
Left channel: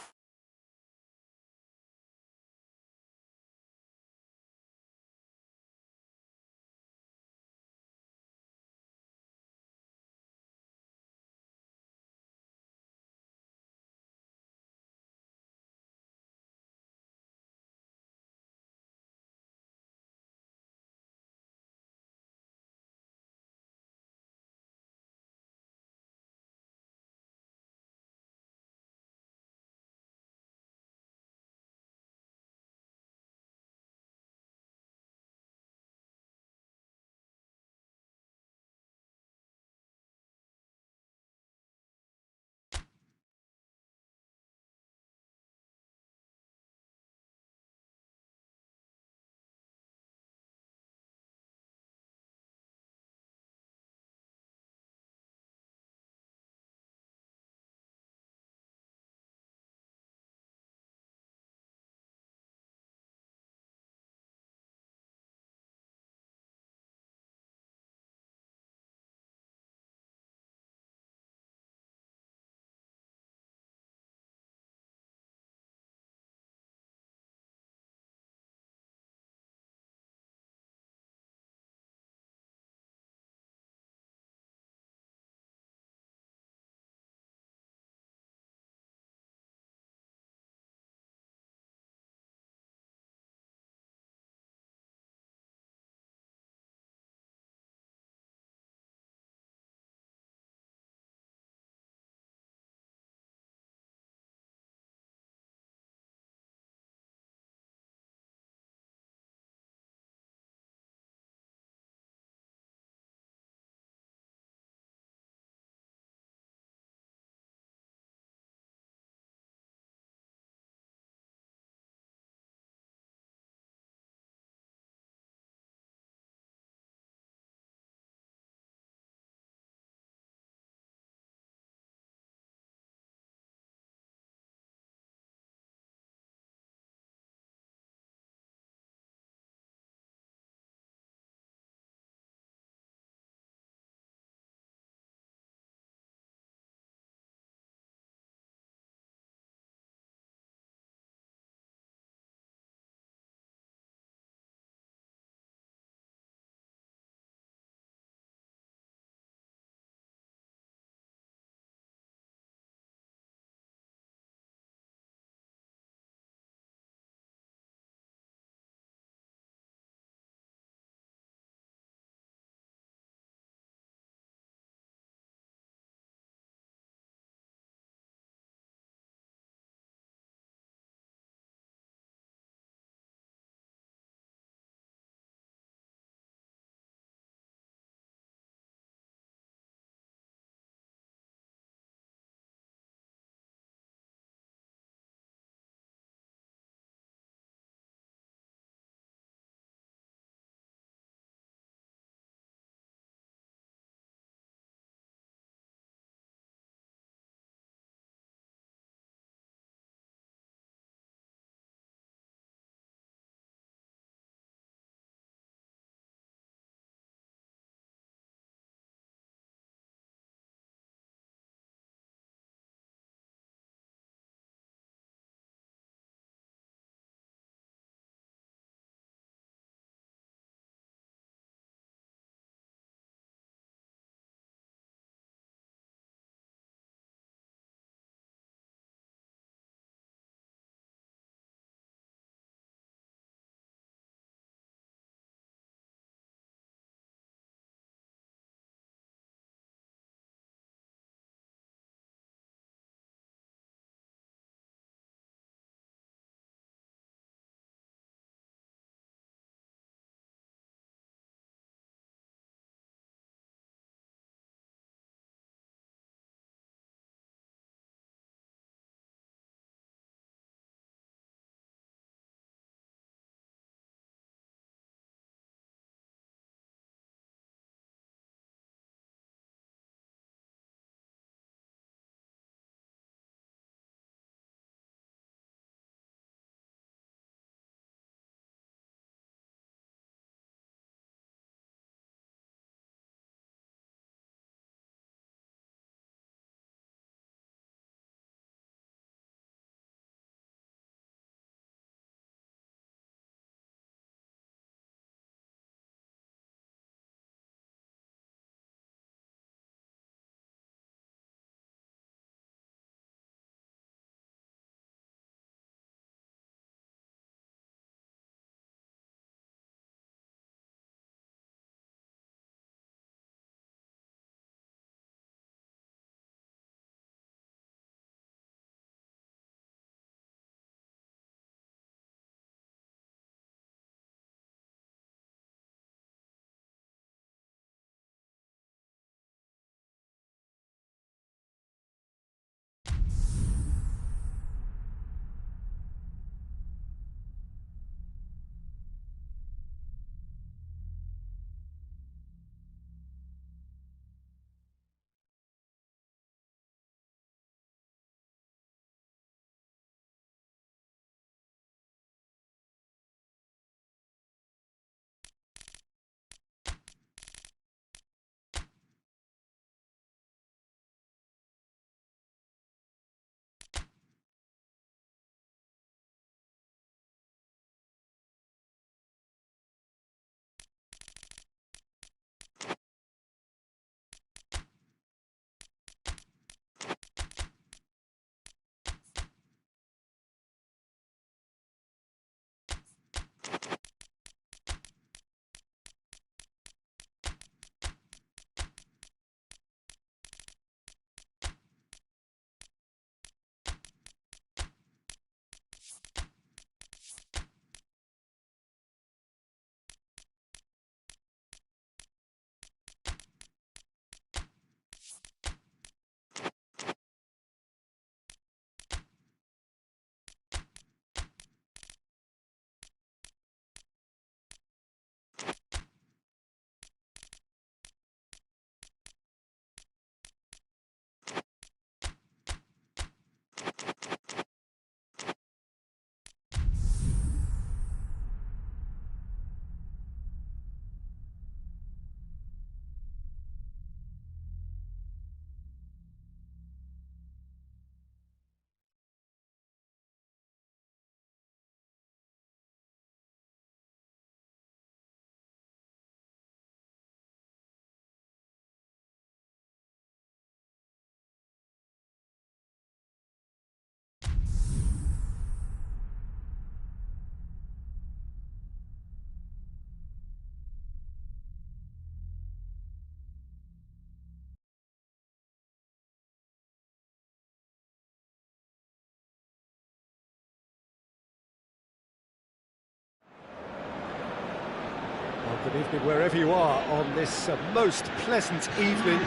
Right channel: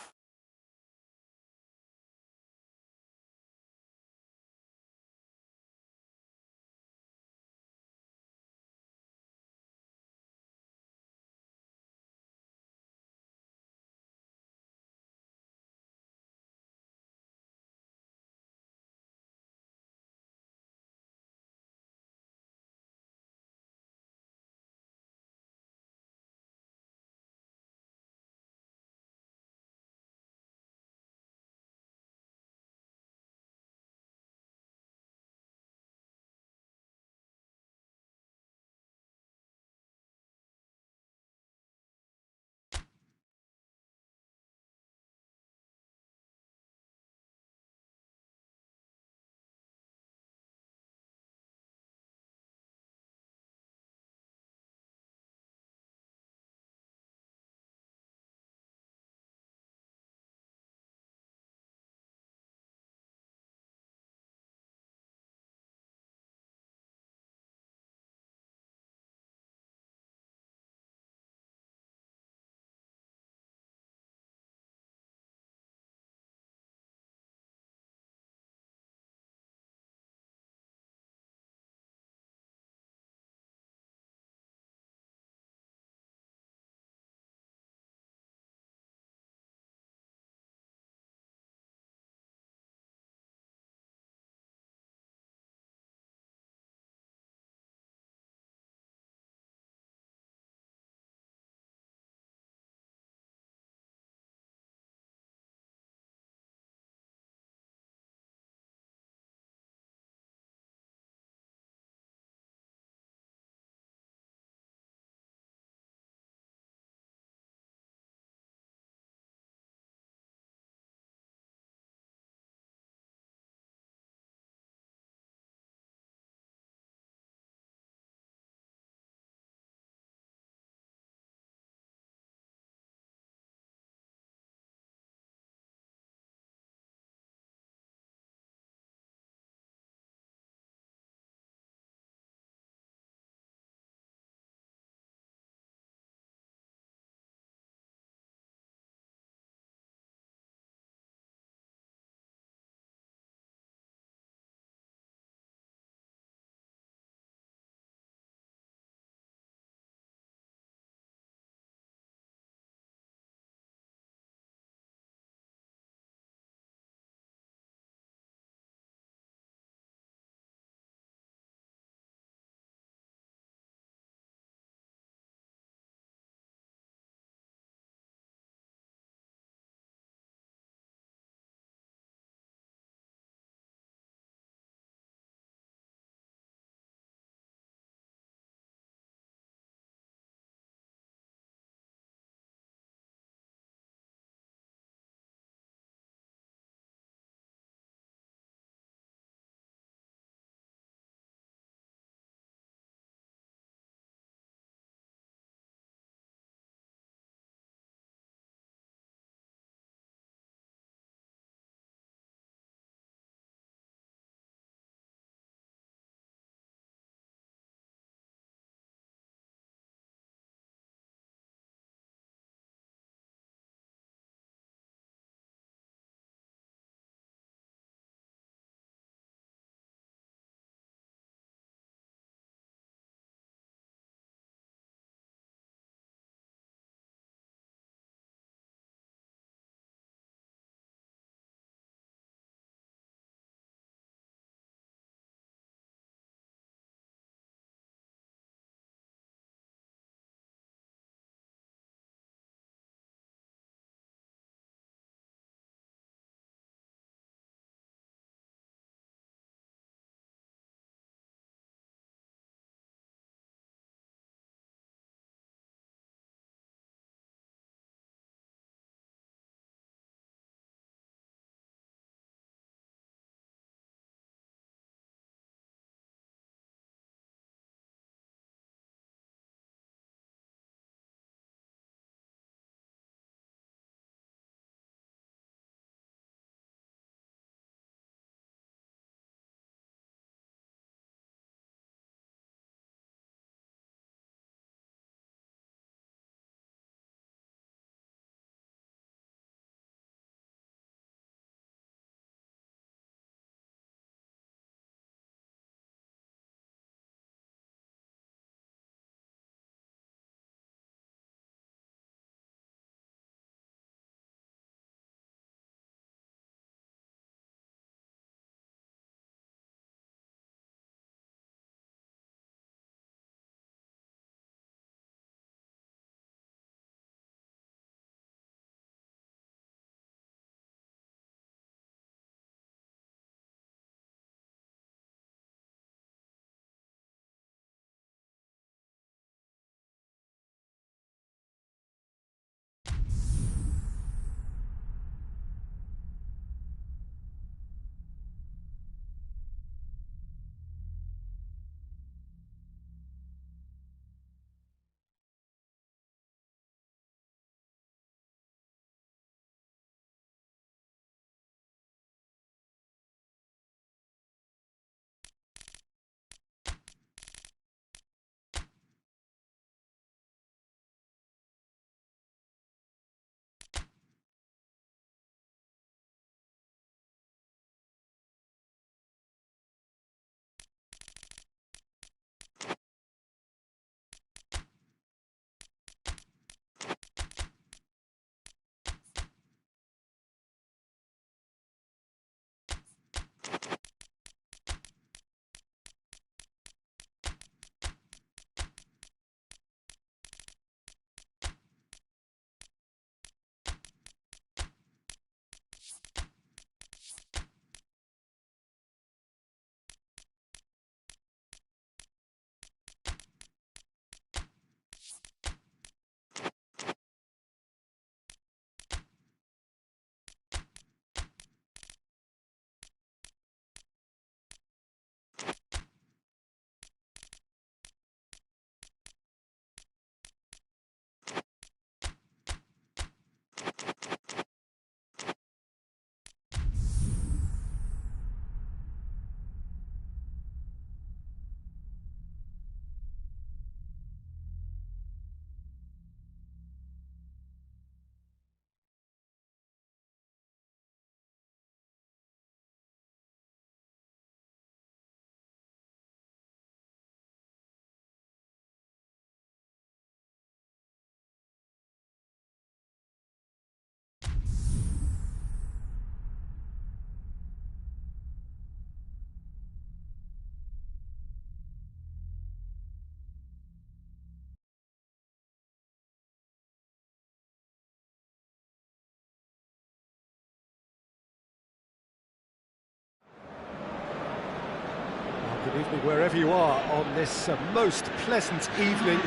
Good evening wherever you are on this most pleasant evening.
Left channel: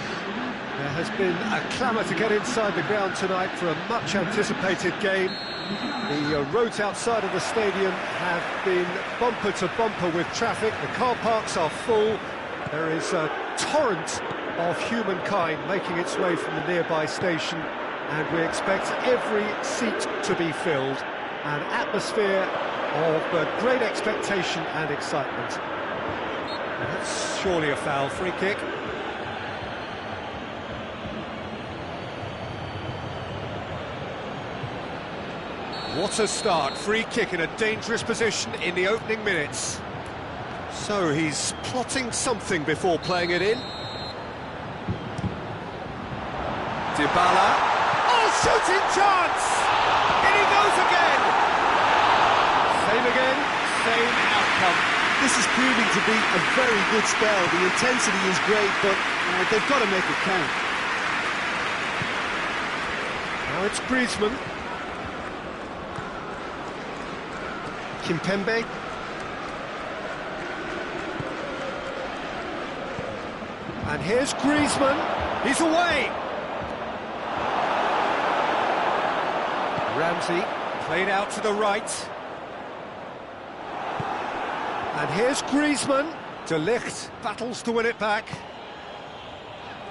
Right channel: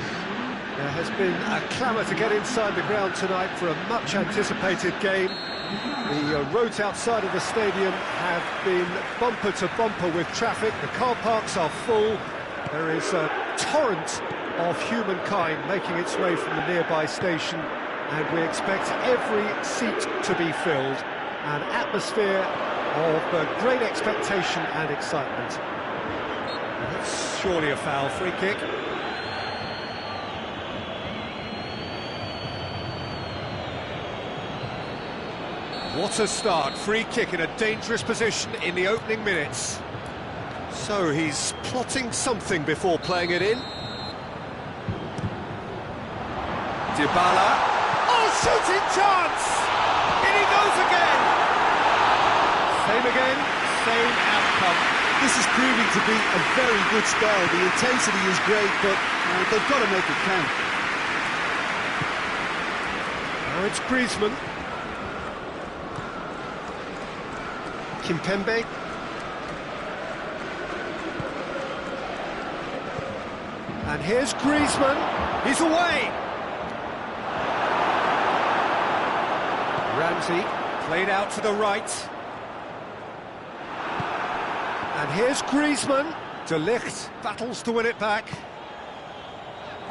There has been a clamour to get inside the ground tonight for a much-anticipated game. The roads outside of the stadium have been bumper to bumper with traffic. The car parks are full. There is a torrent of humankind making its way from the nearby station, and we expect every seat to be filled. An atmosphere of great expectation and excitement. That's surely a foul. Free kick. What a start. Free kick in a dangerous position in the opening minutes. So he's plotting something before playing it in. Dybala. Oh, shooting chance! In he goes again! Same again, same outcome. This is proving to be a very good spell. The intensity is great, but they've got to make it count. Now it's Griezmann. Kimpembe. And here's Griezmann. He's away. Ramsey played out to the right. And here's Griezmann. De Ligt battles to win it back.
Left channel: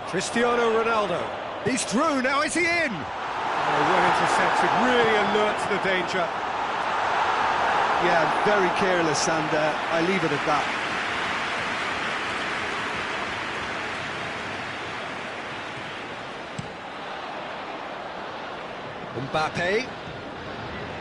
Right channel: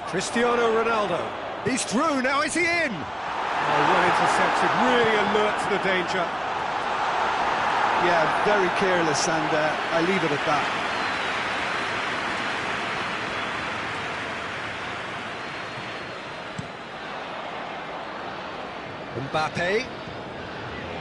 Cristiano Ronaldo. He's through, now is he in? Oh, well intercepted, really alert to the danger. Yeah, very careless, and I leave it at that. Mbappe.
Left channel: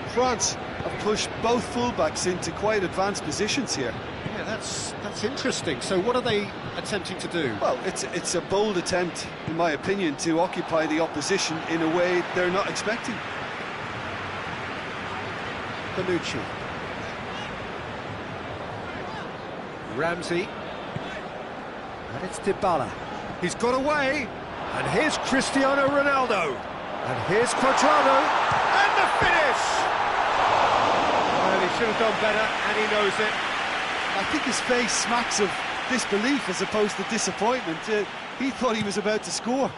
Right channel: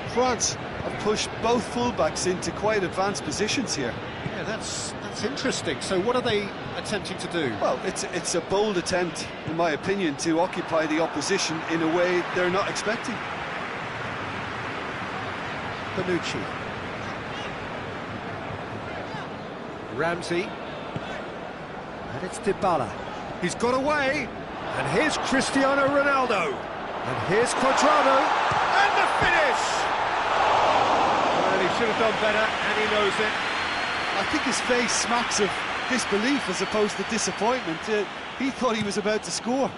France have pushed both fullbacks into quite advanced positions here. Yeah, that's interesting. So what are they attempting to do? Well, it's a bold attempt, in my opinion, to occupy the opposition in a way they're not expecting. Bonucci. Ramsey. And it's Dybala. He's got away. And here's Cristiano Ronaldo. And here's Cuadrado. And the finish! Well, he should have done better, and he knows it. I think his face smacks of disbelief as opposed to disappointment. He thought he was about to score.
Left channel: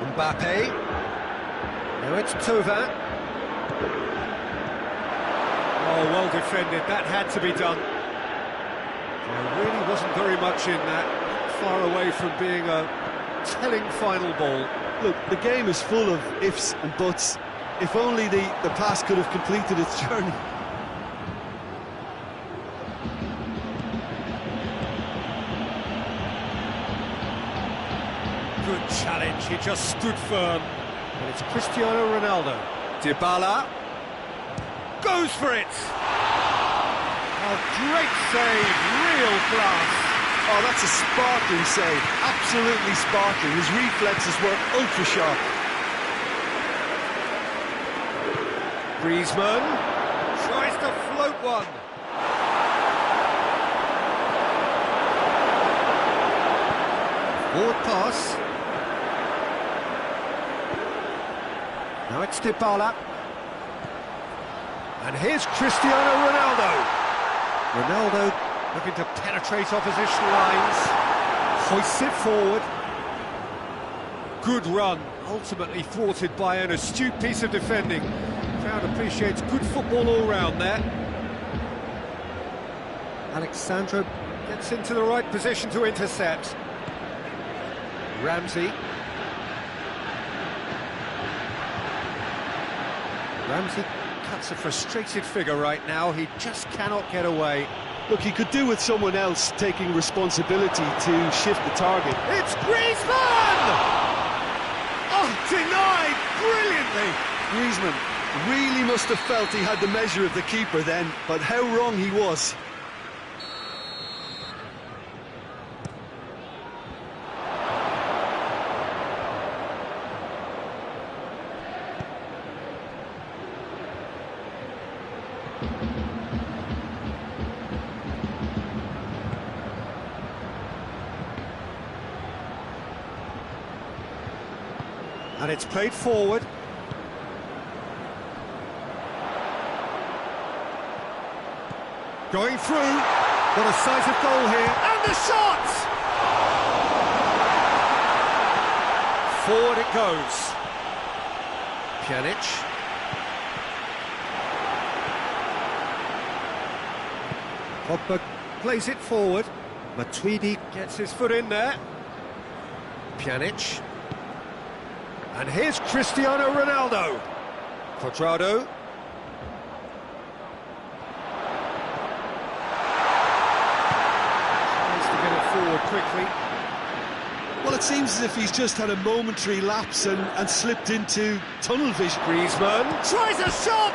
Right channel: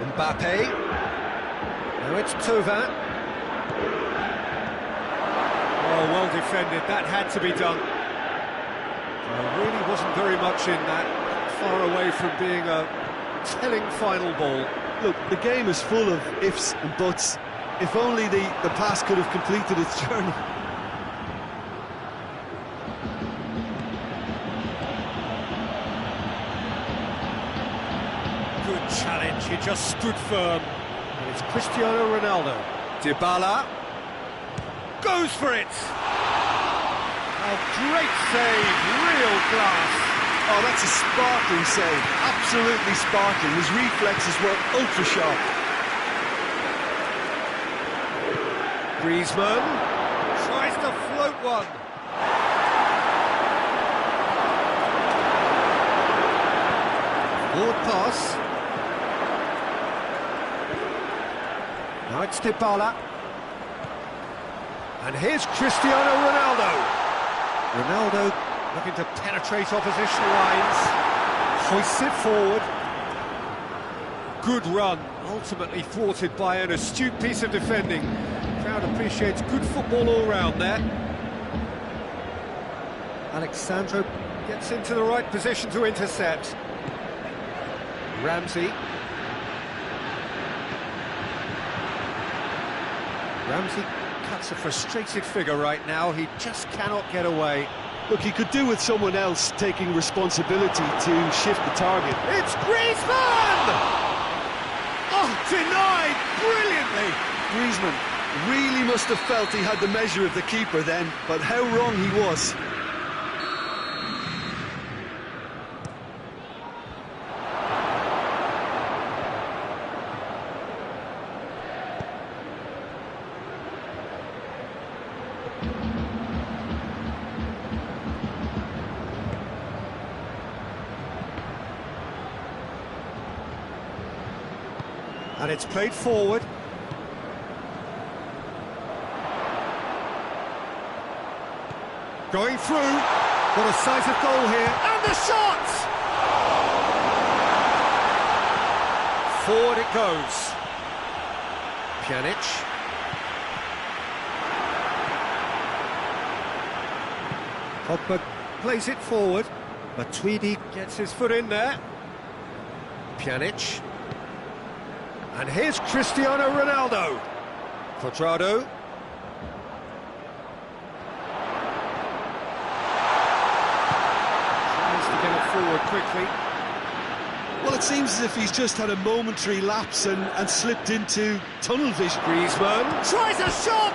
Mbappe. Now it's Thauvin. Oh, well defended. That had to be done. There really wasn't very much in that. Far away from being a telling final ball. Look, the game is full of ifs and buts. If only the pass could have completed its journey. Good challenge, he just stood firm. And it's Cristiano Ronaldo. Dybala goes for it. Oh, great save, real class. Oh, that's a sparkling save, absolutely sparkling. His reflexes were ultra sharp. Griezmann tries to float one. Forward pass. Now it's Dybala. And here's Cristiano Ronaldo. Ronaldo looking to penetrate opposition lines. Hoists it forward. Good run, ultimately thwarted by an astute piece of defending. Crowd appreciates good football all round there. Alexandro gets into the right position to intercept. Ramsey. Ramsey cuts a frustrated figure right now. He just cannot get away. Look, he could do with someone else taking responsibility to shift the target. It's Griezmann! Oh, denied brilliantly. Griezmann really must have felt he had the measure of the keeper then, but how wrong he was. And it's played forward. Going through. Got a sight of goal here. And the shot! Forward it goes. Pjanic. Pogba plays it forward. Matuidi gets his foot in there. Pjanic. And here's Cristiano Ronaldo. Cuadrado. Tries to get it forward quickly. Well, it seems as if he's just had a momentary lapse and slipped into tunnel vision. Griezmann tries a shot!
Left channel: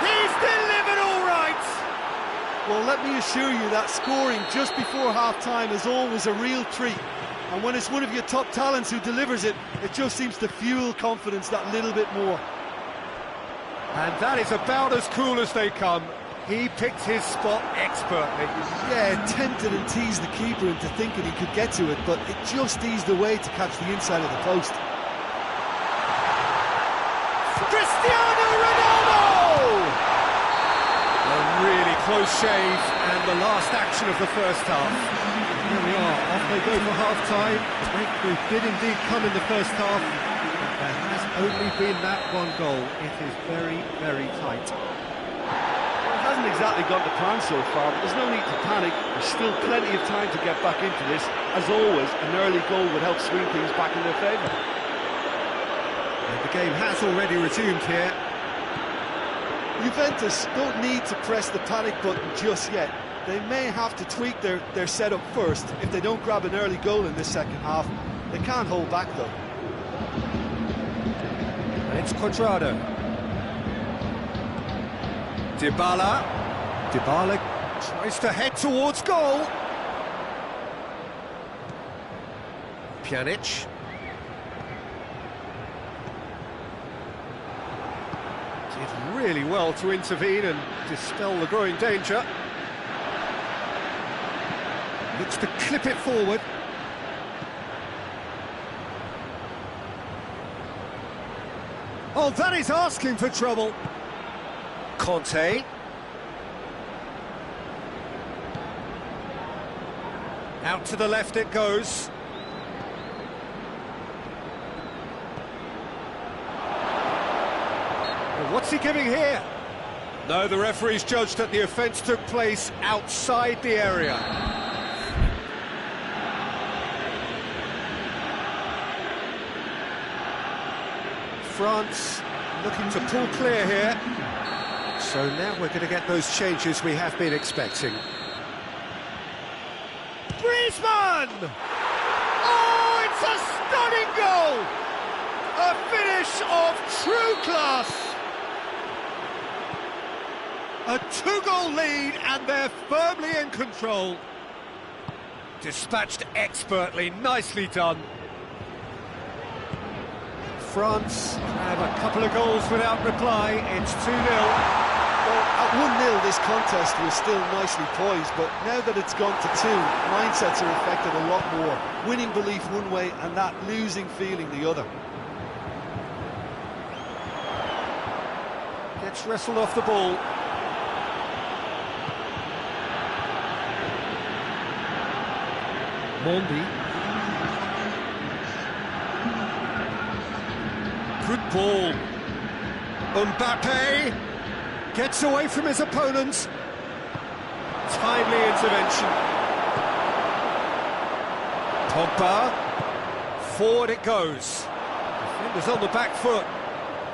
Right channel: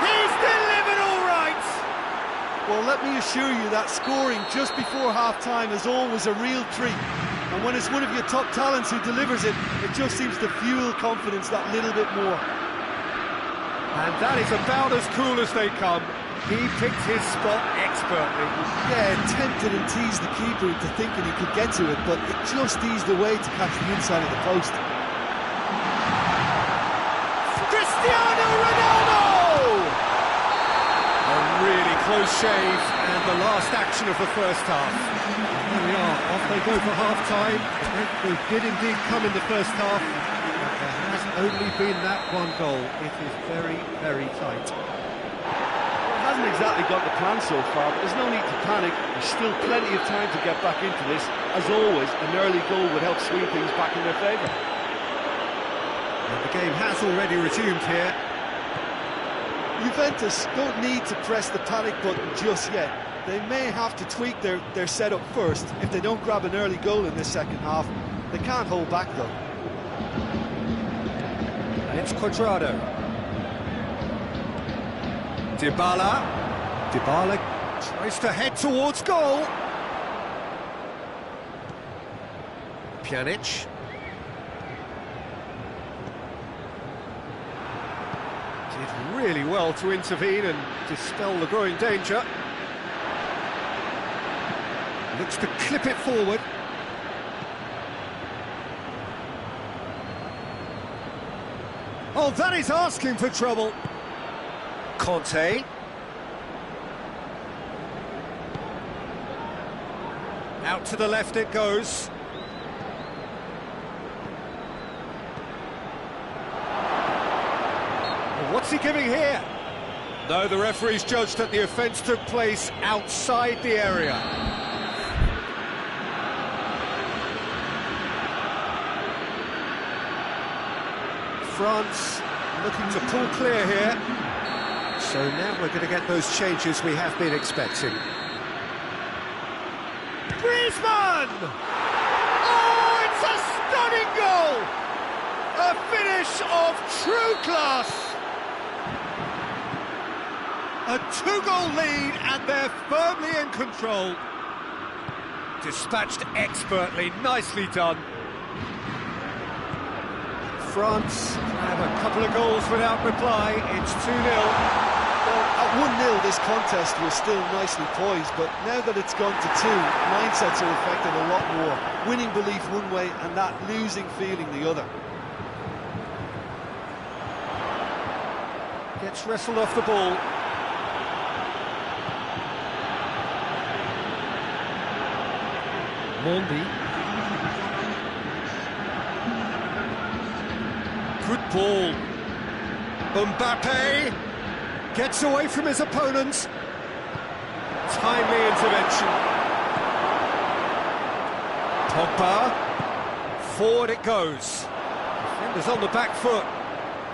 He's delivered all right! Well, let me assure you that scoring just before half-time is always a real treat. And when it's one of your top talents who delivers it, it just seems to fuel confidence that little bit more. And that is about as cool as they come. He picked his spot expertly. Yeah, tempted and teased the keeper into thinking he could get to it, but it just eased away to catch the inside of the post. Cristiano Ronaldo! A really close shave, and the last action of the first half. And there we are, off they go for half-time. The breakthrough did indeed come in the first half, but there has only been that one goal. It is very, very tight. Well, it hasn't exactly got the plan so far, but there's no need to panic. There's still plenty of time to get back into this. As always, an early goal would help swing things back in their favour. And the game has already resumed here. Juventus don't need to press the panic button just yet. They may have to tweak their setup first. If they don't grab an early goal in this second half, they can't hold back though. And it's Cuadrado. Dybala. Dybala tries to head towards goal. Pjanic. Did really well to intervene and dispel the growing danger. Looks to clip it forward. Oh, that is asking for trouble. Conte. Out to the left it goes. Well, what's he giving here? No, the referee's judged that the offence took place outside the area. France looking to pull clear here. So now we're going to get those changes we have been expecting. Griezmann! Oh, it's a stunning goal! A finish of true class! A two-goal lead and they're firmly in control. Dispatched expertly, nicely done. France grab a couple of goals without reply. It's 2-0. Well, at 1-0 this contest was still nicely poised, but now that it's gone to 2, mindsets are affected a lot more. Winning belief one way and that losing feeling the other. Gets wrestled off the ball. Mondi. Good ball. Mbappe gets away from his opponent. Timely intervention. Pogba. Forward it goes. Defenders on the back foot.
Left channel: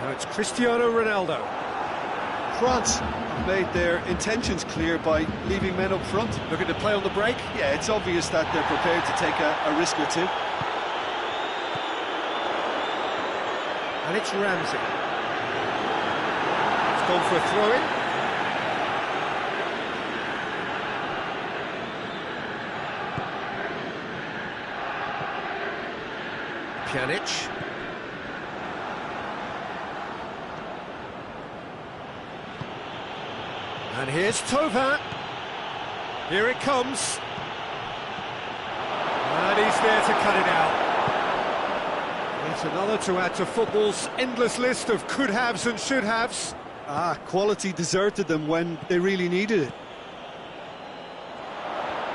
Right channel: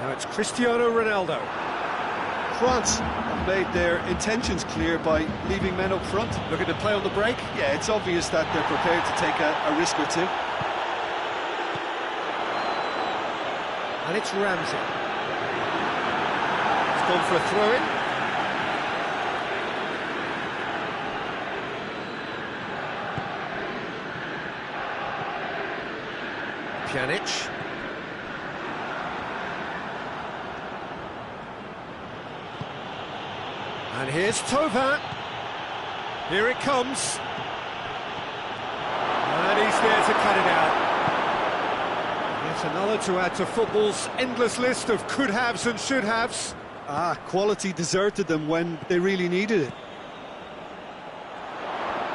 Now it's Cristiano Ronaldo. France have made their intentions clear by leaving men up front. Looking to play on the break. Yeah, it's obvious that they're prepared to take a risk or two. And it's Ramsey. It's gone for a throw-in. Pjanic. And here's Thauvin. Here it comes. And he's there to cut it out. Yet another to add to football's endless list of could-haves and should-haves. Quality deserted them when they really needed it.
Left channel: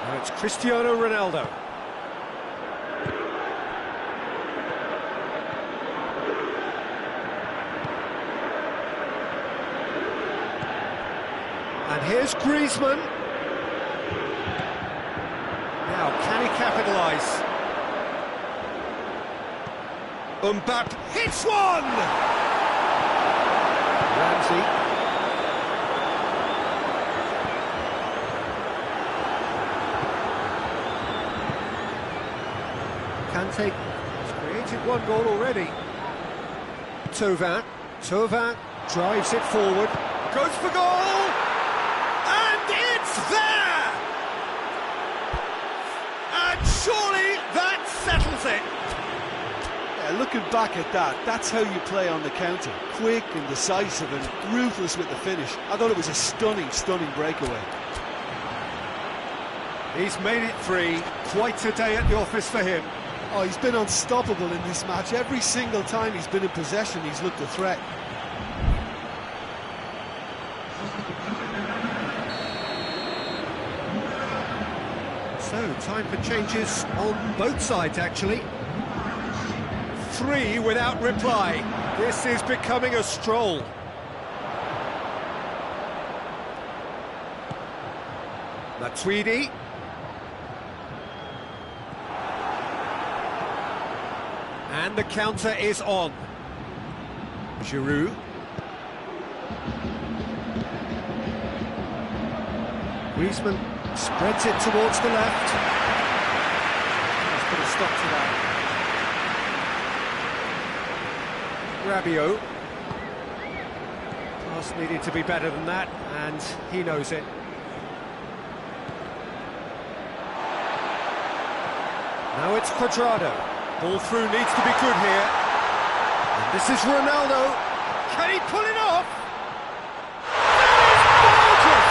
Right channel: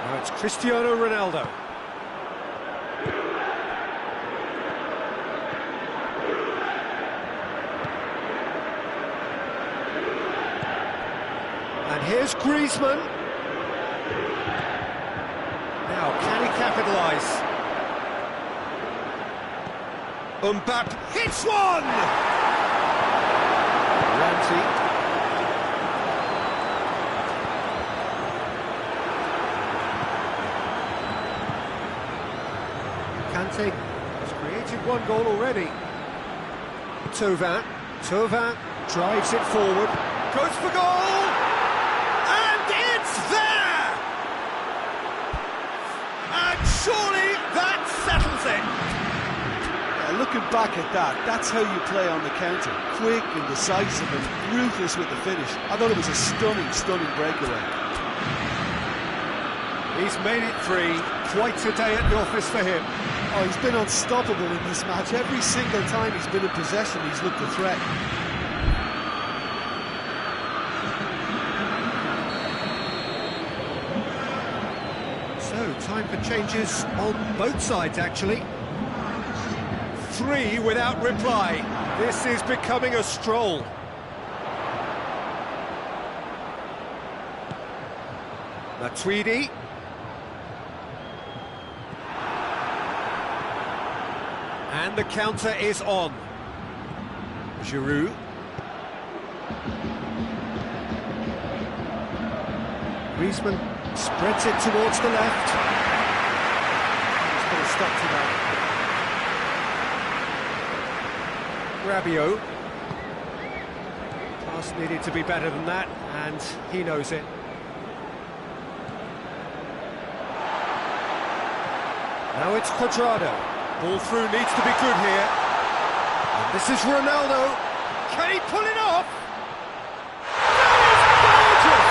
Now it's Cristiano Ronaldo. And here's Griezmann. Now, can he capitalise? Mbappe hits one! Ramsey. Kante has created one goal already. Thauvin drives it forward, goes for goal! And it's there! And surely that settles it! Yeah, looking back at that, that's how you play on the counter. Quick and decisive and ruthless with the finish. I thought it was a stunning, stunning breakaway. He's made it 3. Quite a day at the office for him. Oh, he's been unstoppable in this match. Every single time he's been in possession, he's looked a threat. So, time for changes on both sides, actually. 3 without reply. This is becoming a stroll. Matuidi. And the counter is on. Giroud. Griezmann spreads it towards the left. Let's put a stop to that. Rabiot. Pass needed to be better than that, and he knows it. Now it's Cuadrado. Ball through needs to be good here. And this is Ronaldo. Can he pull it off? That is gorgeous!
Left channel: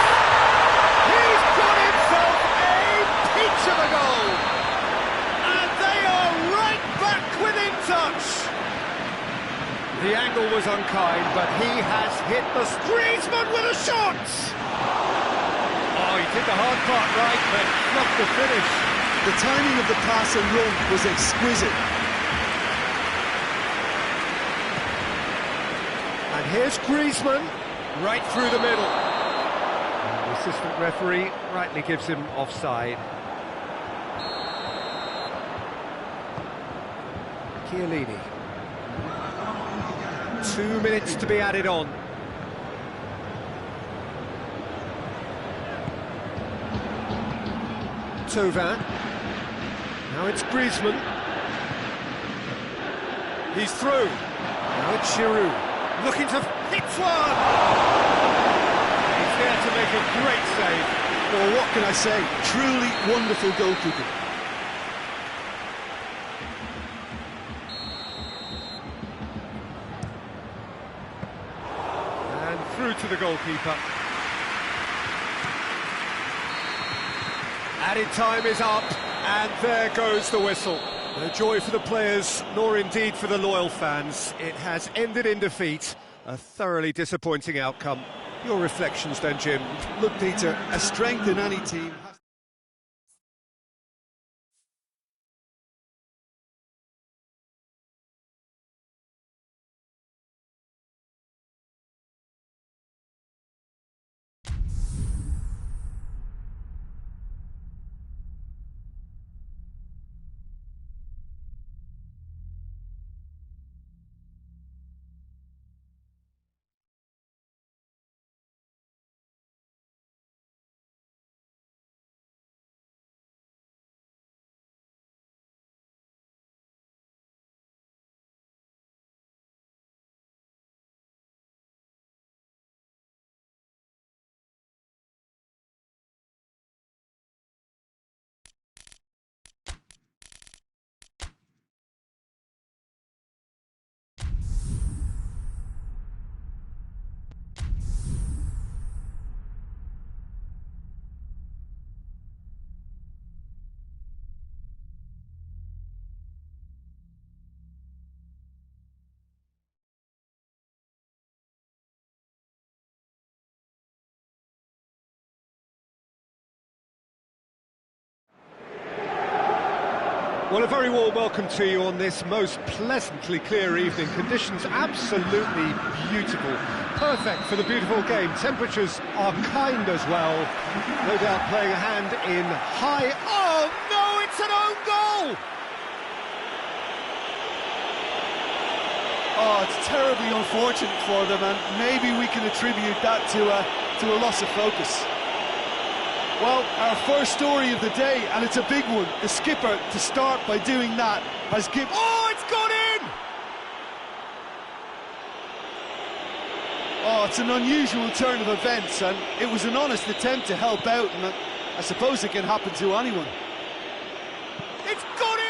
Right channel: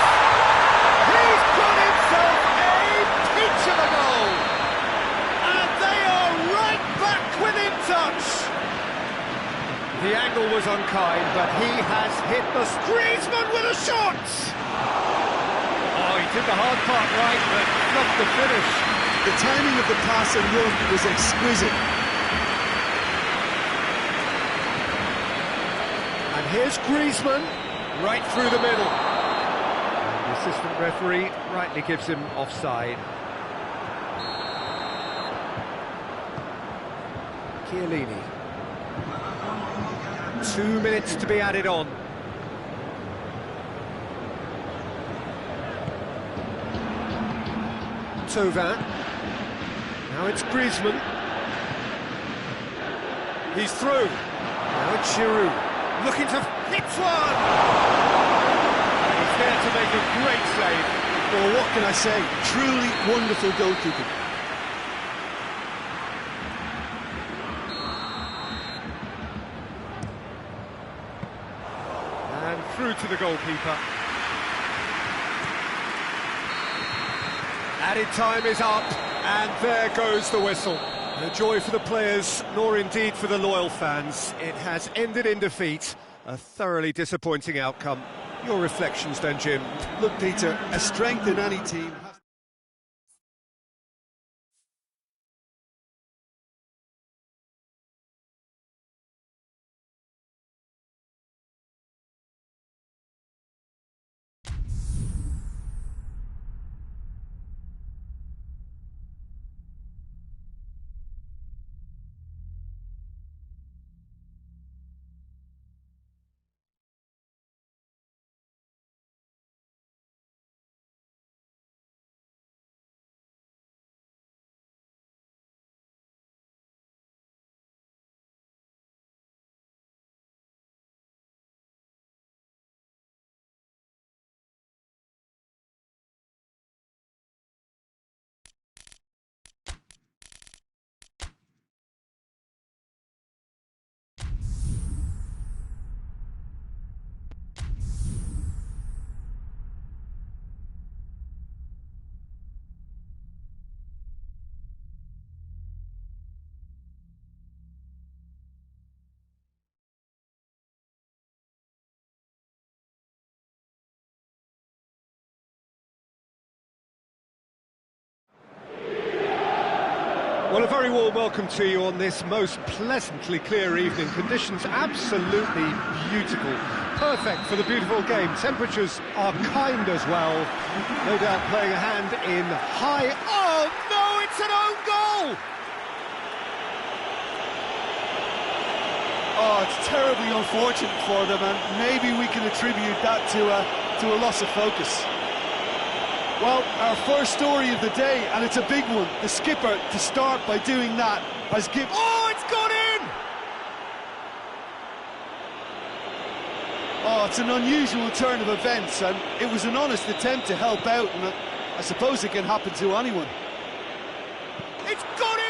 He's got himself a peach of a goal. And they are right back within touch. The angle was unkind, but he has hit the Griezmann with a shot! Oh, he did the hard part right, but fluffed the finish. The timing of the pass and run was exquisite. And here's Griezmann, right through the middle. And the assistant referee rightly gives him offside. Chiellini. 2 minutes to be added on. Thauvin. Now it's Griezmann. He's through. Now it's Giroud. Looking to hit one! And he's there to make a great save. Well, what can I say? Truly wonderful goalkeeping. And through to the goalkeeper. Added time is up, and there goes the whistle. No joy for the players, nor indeed for the loyal fans. It has ended in defeat, a thoroughly disappointing outcome. Your reflections then, Jim? Look, Peter, a strength in any team Well, a very warm welcome to you on this most pleasantly clear evening. Conditions absolutely beautiful. Perfect for the beautiful game. Temperatures are kind as well. No doubt playing a hand in high... Oh, no, it's an own goal! Oh, it's terribly unfortunate for them, and maybe we can attribute that to a loss of focus. Well, our first story of the day, and it's a big one. The skipper, to start by doing that, has given... Oh, it's gone in! Oh, it's an unusual turn of events, and it was an honest attempt to help out, and I suppose it can happen to anyone. It's gone in!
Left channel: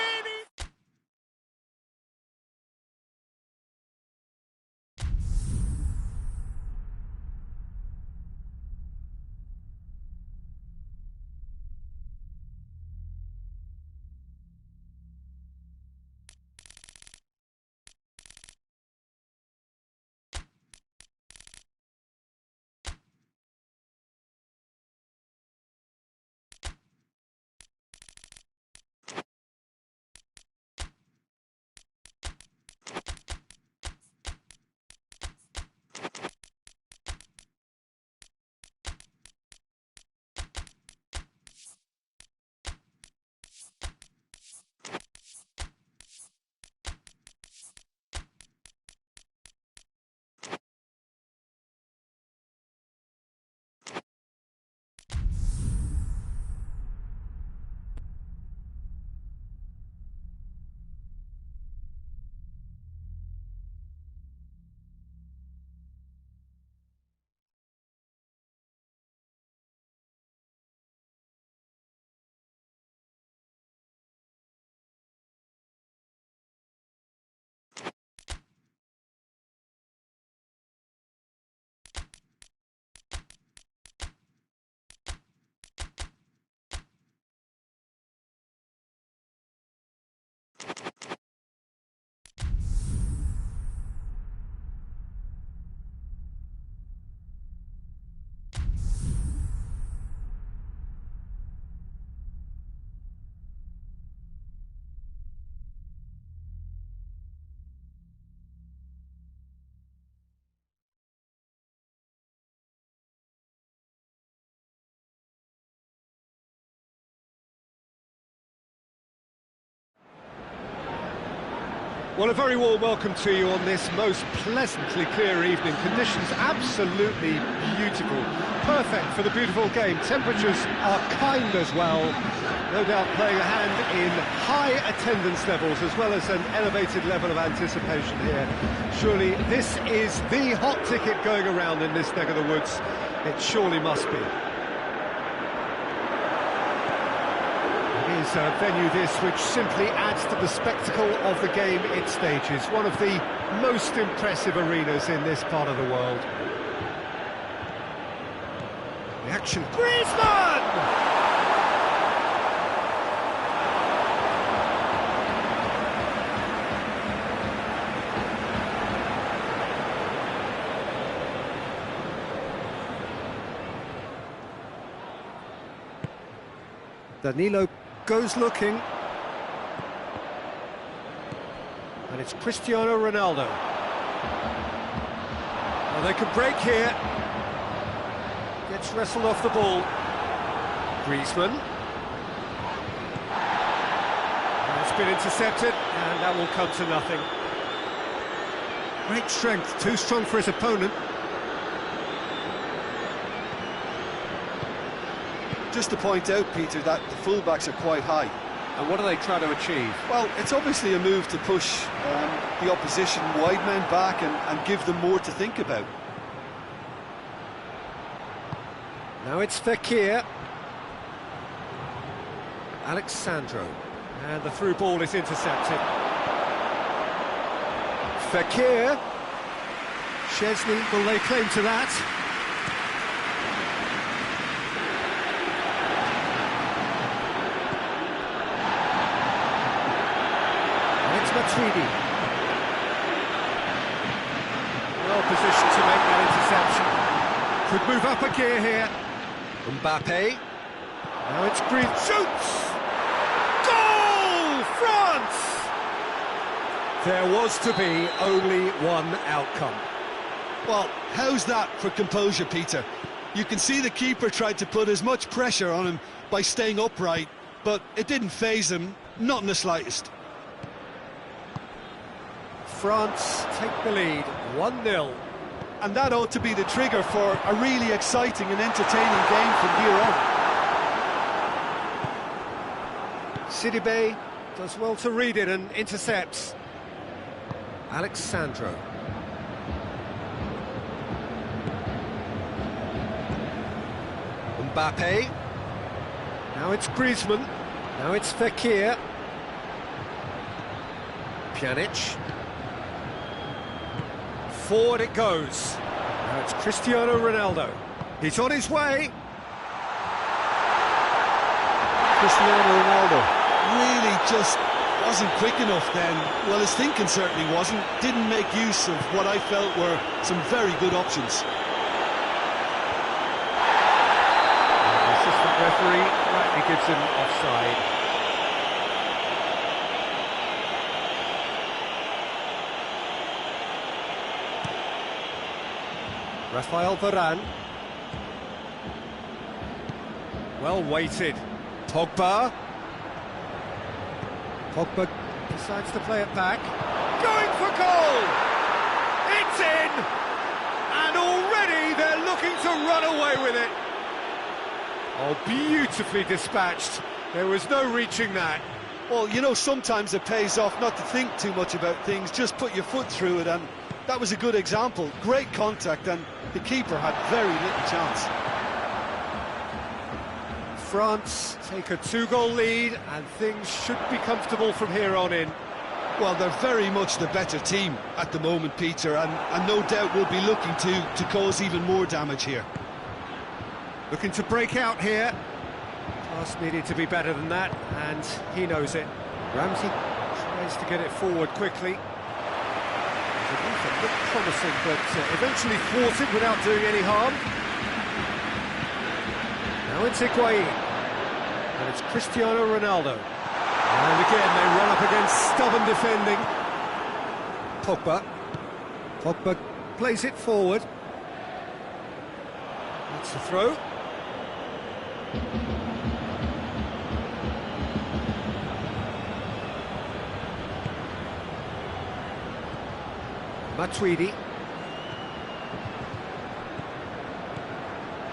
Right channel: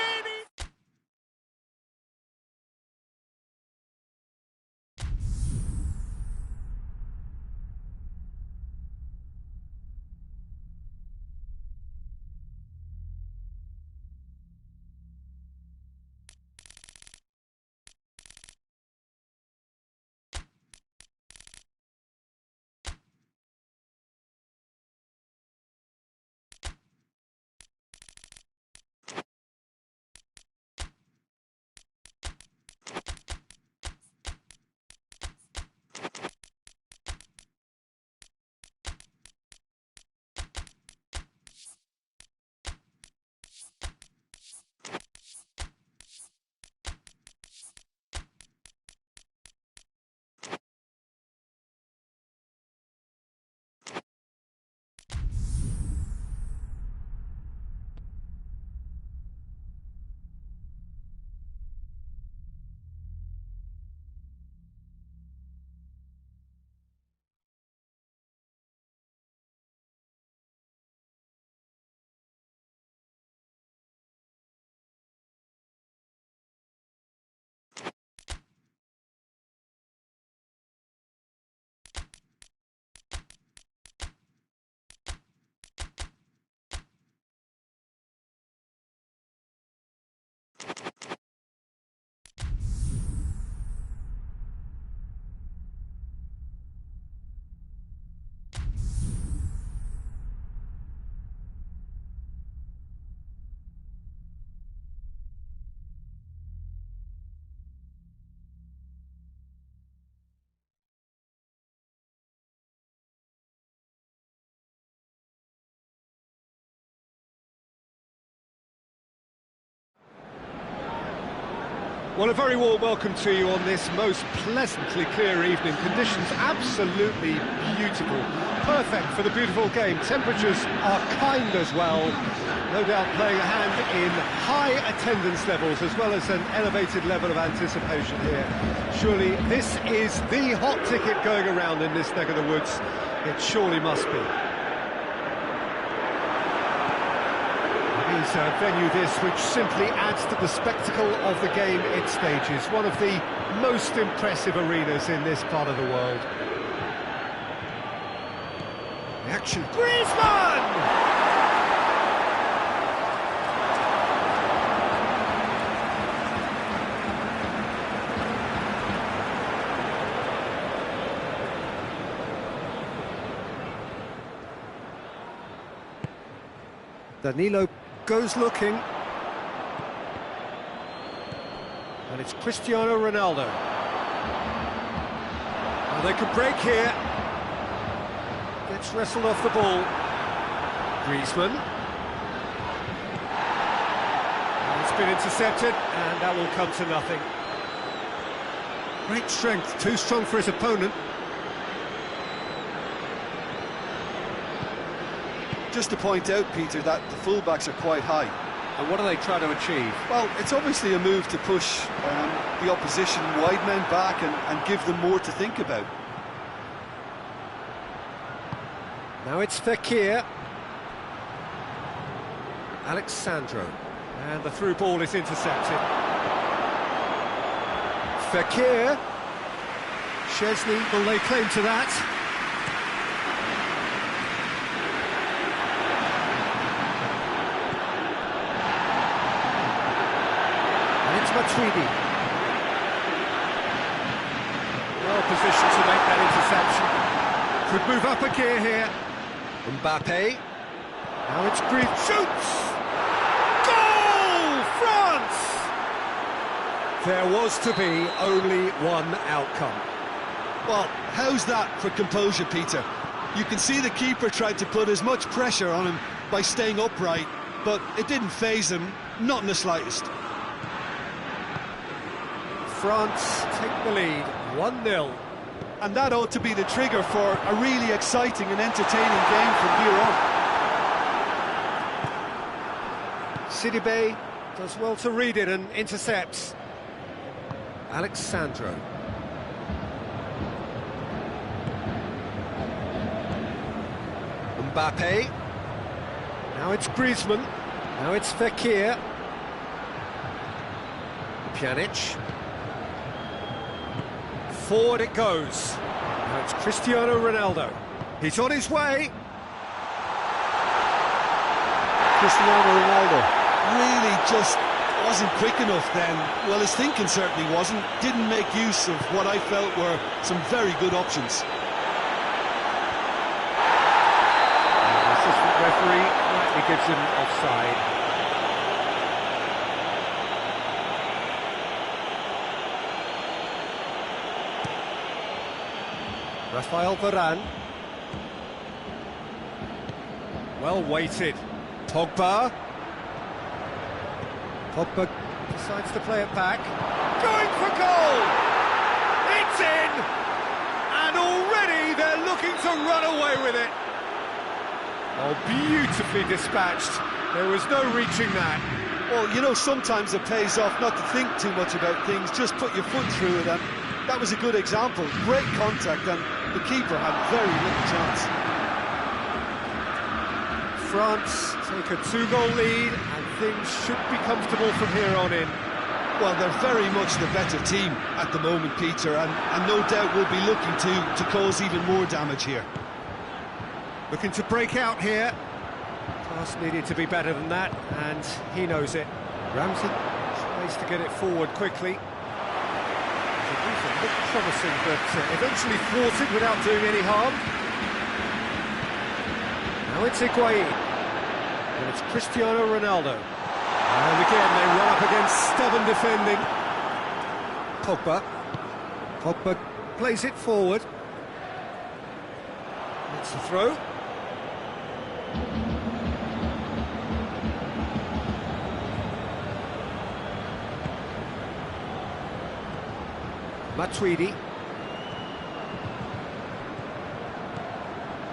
Well, a very warm welcome to you on this most pleasantly clear evening. Conditions absolutely beautiful. Perfect for the beautiful game. Temperatures are kind as well. No doubt playing a hand in high attendance levels as well as an elevated level of anticipation here. Surely this is the hot ticket going around in this neck of the woods. It surely must be. Is a venue this which simply adds to the spectacle of the game it stages. One of the most impressive arenas in this part of the world. The action. Griezmann! Danilo goes looking, and it's Cristiano Ronaldo. Now they can break here. Gets wrestled off the ball. Griezmann. And it's been intercepted, and that will come to nothing. Great strength, too strong for his opponent. Just to point out, Peter, that the fullbacks are quite high. And what are they trying to achieve? Well, it's obviously a move to push the opposition wide men back and give them more to think about. Now it's Fekir. Alexandro. And the through ball is intercepted. Fekir. Szczesny will lay claim to that. It's Matuidi. Well positioned to make that interception. Could move up a gear here. Mbappe. Now it's Griezmann. Shoots! Goal from There was to be only one outcome. Well, how's that for composure, Peter? You can see the keeper tried to put as much pressure on him by staying upright, but it didn't faze him, not in the slightest. France take the lead, 1-0. And that ought to be the trigger for a really exciting and entertaining game from here on. Sidibe does well to read it and intercepts. Alexandro. Mbappe. Now it's Griezmann. Now it's Fekir. Pjanic. Forward it goes. Now it's Cristiano Ronaldo. He's on his way. Cristiano Ronaldo really just wasn't quick enough then. Well, his thinking certainly wasn't. Didn't make use of what I felt were some very good options. And the assistant referee rightly gives him offside. Rafael Varane. Well weighted. Pogba. Pogba decides to play it back. Going for goal! It's in! And already they're looking to run away with it. Oh, beautifully dispatched. There was no reaching that. Well, you know, sometimes it pays off not to think too much about things, just put your foot through it, and that was a good example. Great contact, and the keeper had very little chance. France take a 2-goal lead, and things should be comfortable from here on in. Well, they're very much the better team at the moment, Peter, and no doubt will be looking to cause even more damage here. Looking to break out here. Pass needed to be better than that, and he knows it. Ramsey tries to get it forward quickly. It looked promising, but eventually thwarted without doing any harm. Now it's Higuain, and it's Cristiano Ronaldo. And again, they run up against stubborn defending. Pogba. Pogba plays it forward. That's the throw. Matuidi.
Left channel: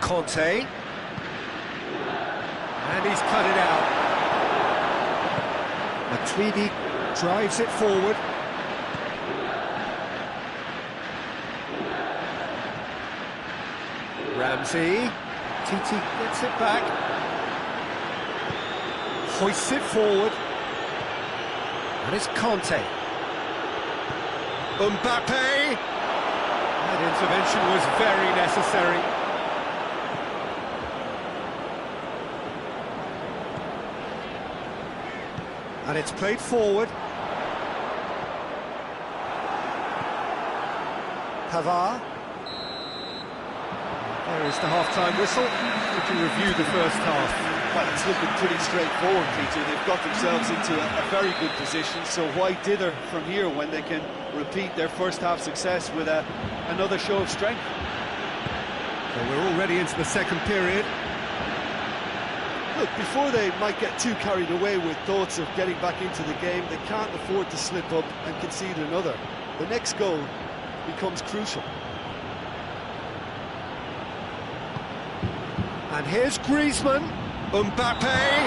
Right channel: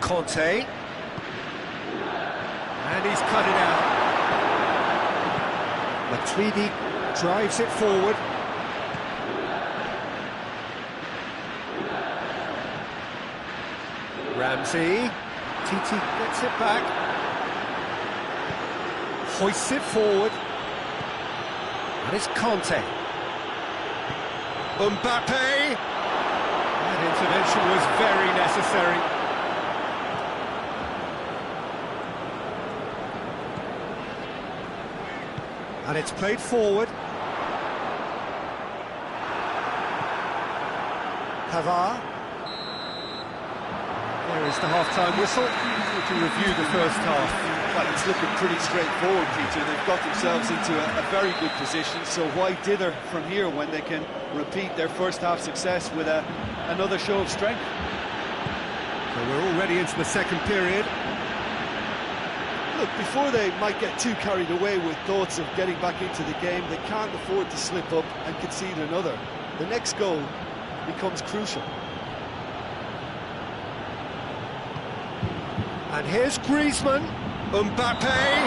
Conte. And he's cut it out. Matuidi drives it forward. Ramsey. Titi gets it back. Hoists it forward. And it's Conte. Mbappe! That intervention was very necessary. And it's played forward. Pavard. There is the half-time whistle. Would you review the first half? Well, it's looking pretty straightforward, Peter. They've got themselves into a very good position, so why dither from here when they can repeat their first half success with another show of strength? So we're already into the second period. Look, before they might get too carried away with thoughts of getting back into the game, they can't afford to slip up and concede another. The next goal becomes crucial. And here's Griezmann. Mbappe.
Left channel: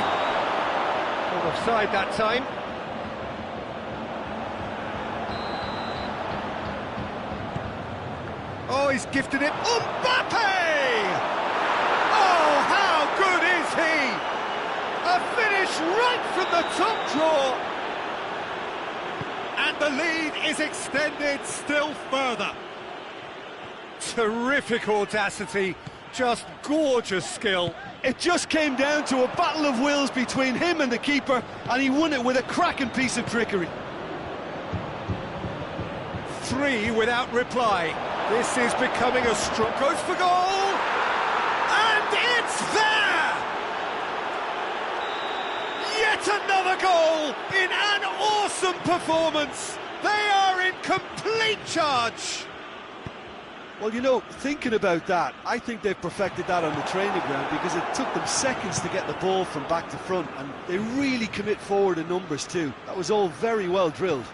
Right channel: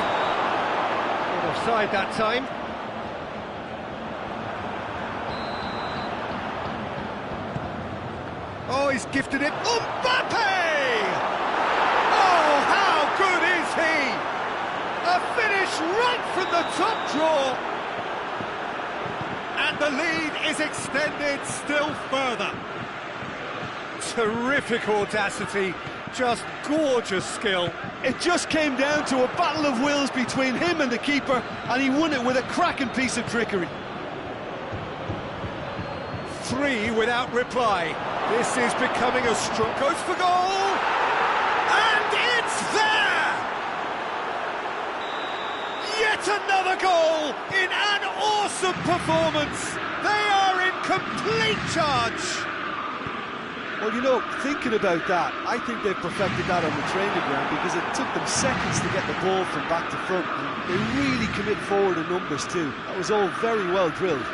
Not offside that time. Oh, he's gifted it. Mbappe! Oh, how good is he? A finish right from the top draw. And the lead is extended still further. Terrific audacity, just gorgeous skill. It just came down to a battle of wills between him and the keeper, and he won it with a cracking piece of trickery. 3 without reply. This is becoming a stroke. Goes for goal! And it's there! Yet another goal in an awesome awesome performance. They are in complete charge. Well, you know, thinking about that, I think they've perfected that on the training ground because it took them seconds to get the ball from back to front, and they really commit forward in numbers too. That was all very well drilled.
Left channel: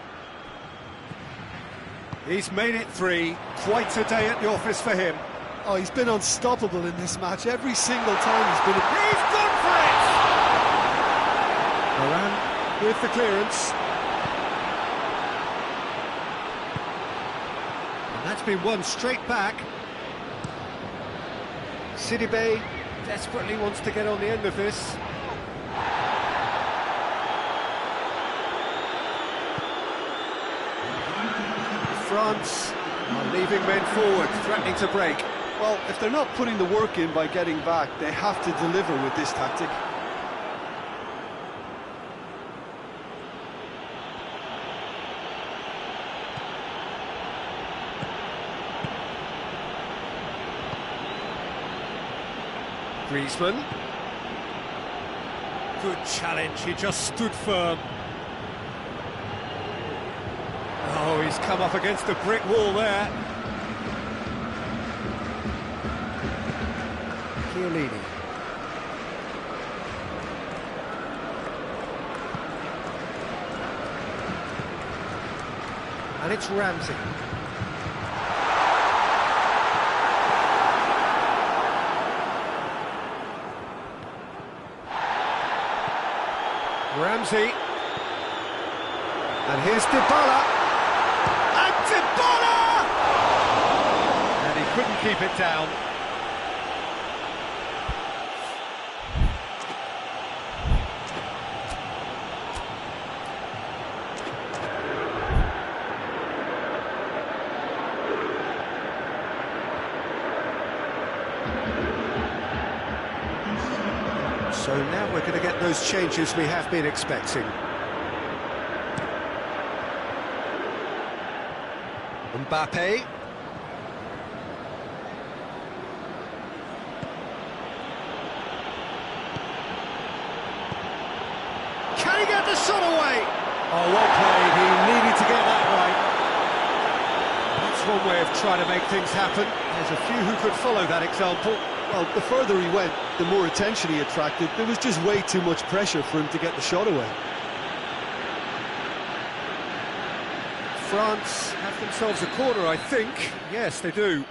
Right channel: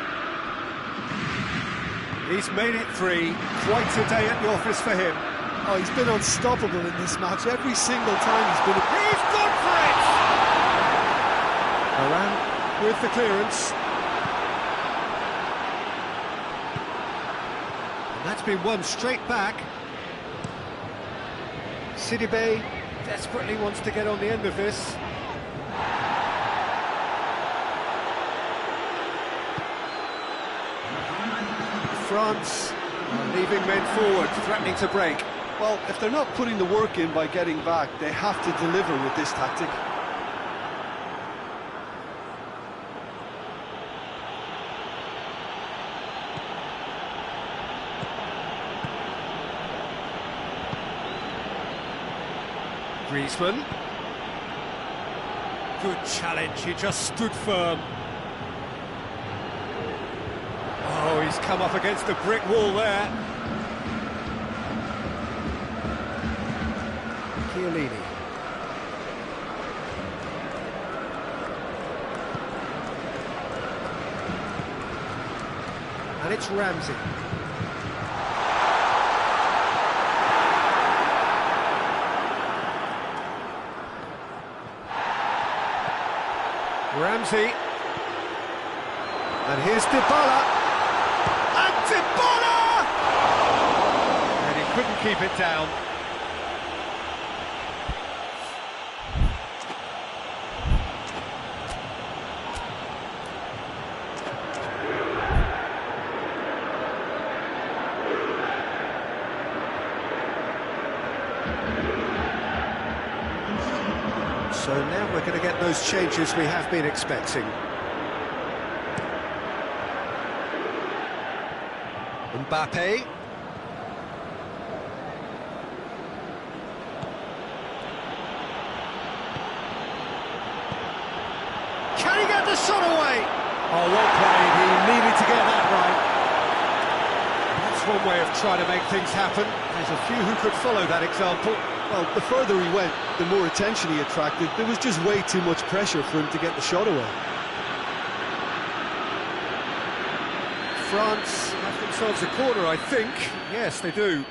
He's made it 3. Quite a day at the office for him. Oh, he's been unstoppable in this match. Every single time he's been... He's gone for it! Moran with the clearance. And that's been won straight back. Sidibe desperately wants to get on the end of this. France are leaving men forward, threatening to break. Well, if they're not putting the work in by getting back, they have to deliver with this tactic. Griezmann. Good challenge, he just stood firm. Oh, he's come up against a brick wall there. Chiellini. And it's Ramsey. Ramsey. And here's Dybala. And Dybala! And he couldn't keep it down. So now we're going to get those changes we have been expecting. Mbappe. Can he get the shot away? Oh, well played. He needed to get that right. That's one way of trying to make things happen. There's a few who could follow that example. Well, the further he went, the more attention he attracted. There was just way too much pressure for him to get the shot away. France have themselves a corner, I think. Yes, they do.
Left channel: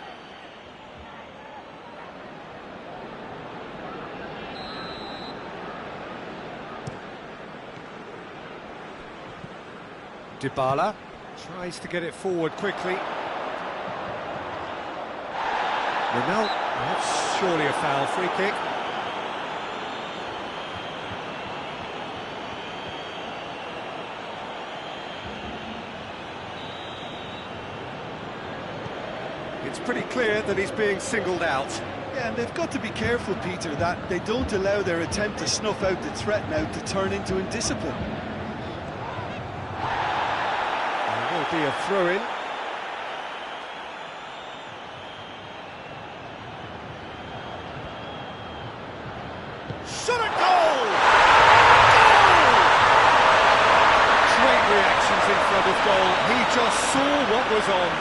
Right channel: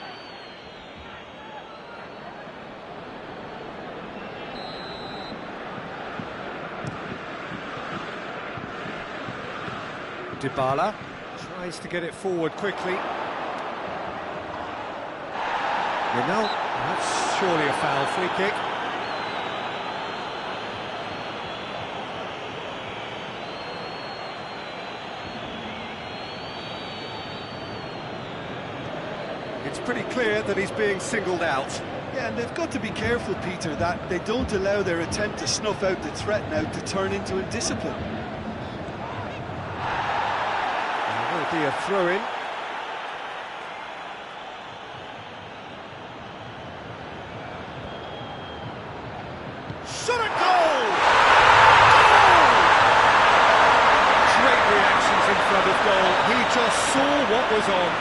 Dybala tries to get it forward quickly. Ronaldo, that's surely a foul, free kick. It's pretty clear that he's being singled out. Yeah, and they've got to be careful, Peter, that they don't allow their attempt to snuff out the threat now to turn into indiscipline. There will be a throw-in. Shot at goal! Goal! Great reactions in front of goal. He just saw what was on.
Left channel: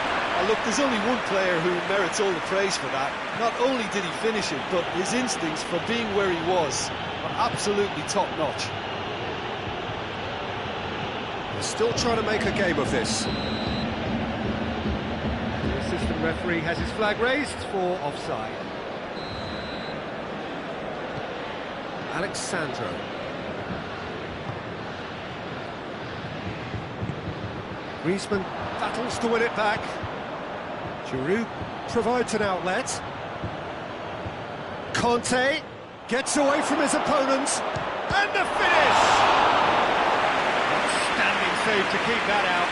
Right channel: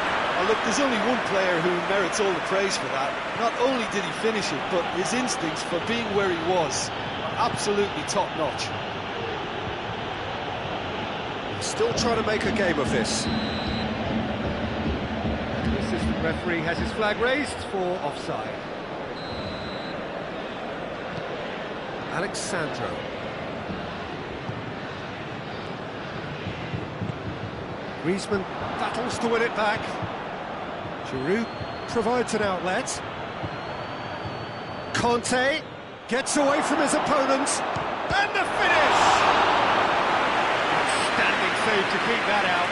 Oh, look, there's only one player who merits all the praise for that. Not only did he finish it, but his instincts for being where he was are absolutely top-notch. They're still trying to make a game of this. And the assistant referee has his flag raised for offside. Alexandro. Griezmann battles to win it back. Giroud provides an outlet. Conte gets away from his opponent. And the finish! Outstanding save to keep that out.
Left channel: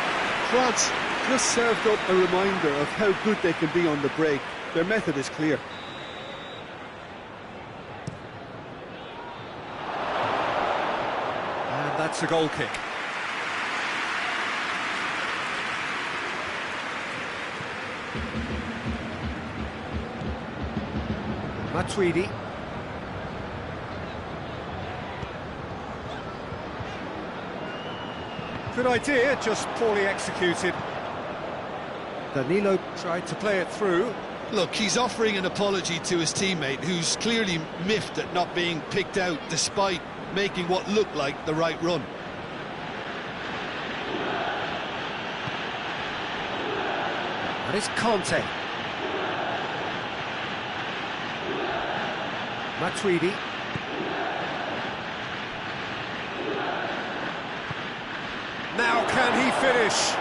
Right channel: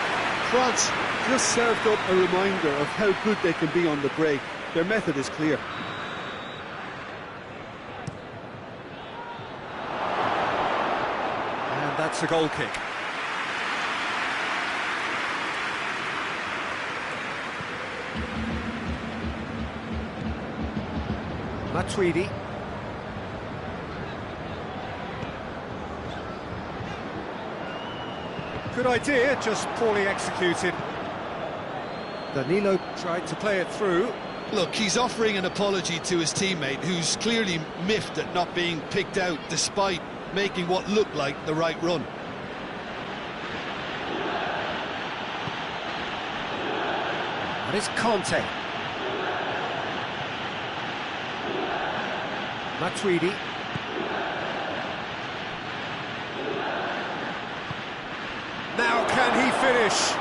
France just served up a reminder of how good they can be on the break. Their method is clear. And that's a goal kick. Matuidi. Good idea, just poorly executed. Danilo tried to play it through. Look, he's offering an apology to his teammate, who's clearly miffed at not being picked out despite making what looked like the right run. And it's Conte. Matuidi. Now can he finish?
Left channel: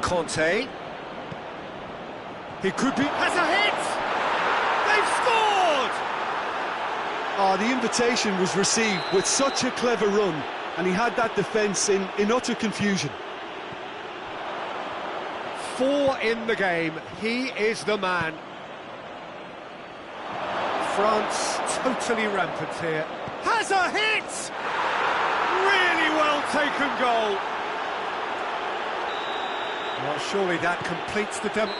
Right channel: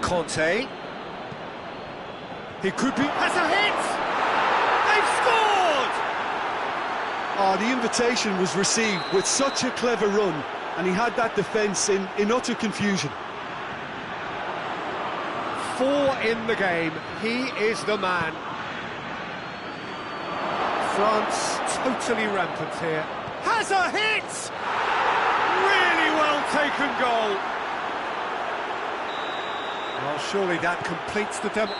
Conte. He could be... has a hit! They've scored! Oh, the invitation was received with such a clever run, and he had that defence in utter confusion. 4 in the game. He is the man. France totally rampant here. Has a hit! Really well taken goal. Well, surely that completes the demo.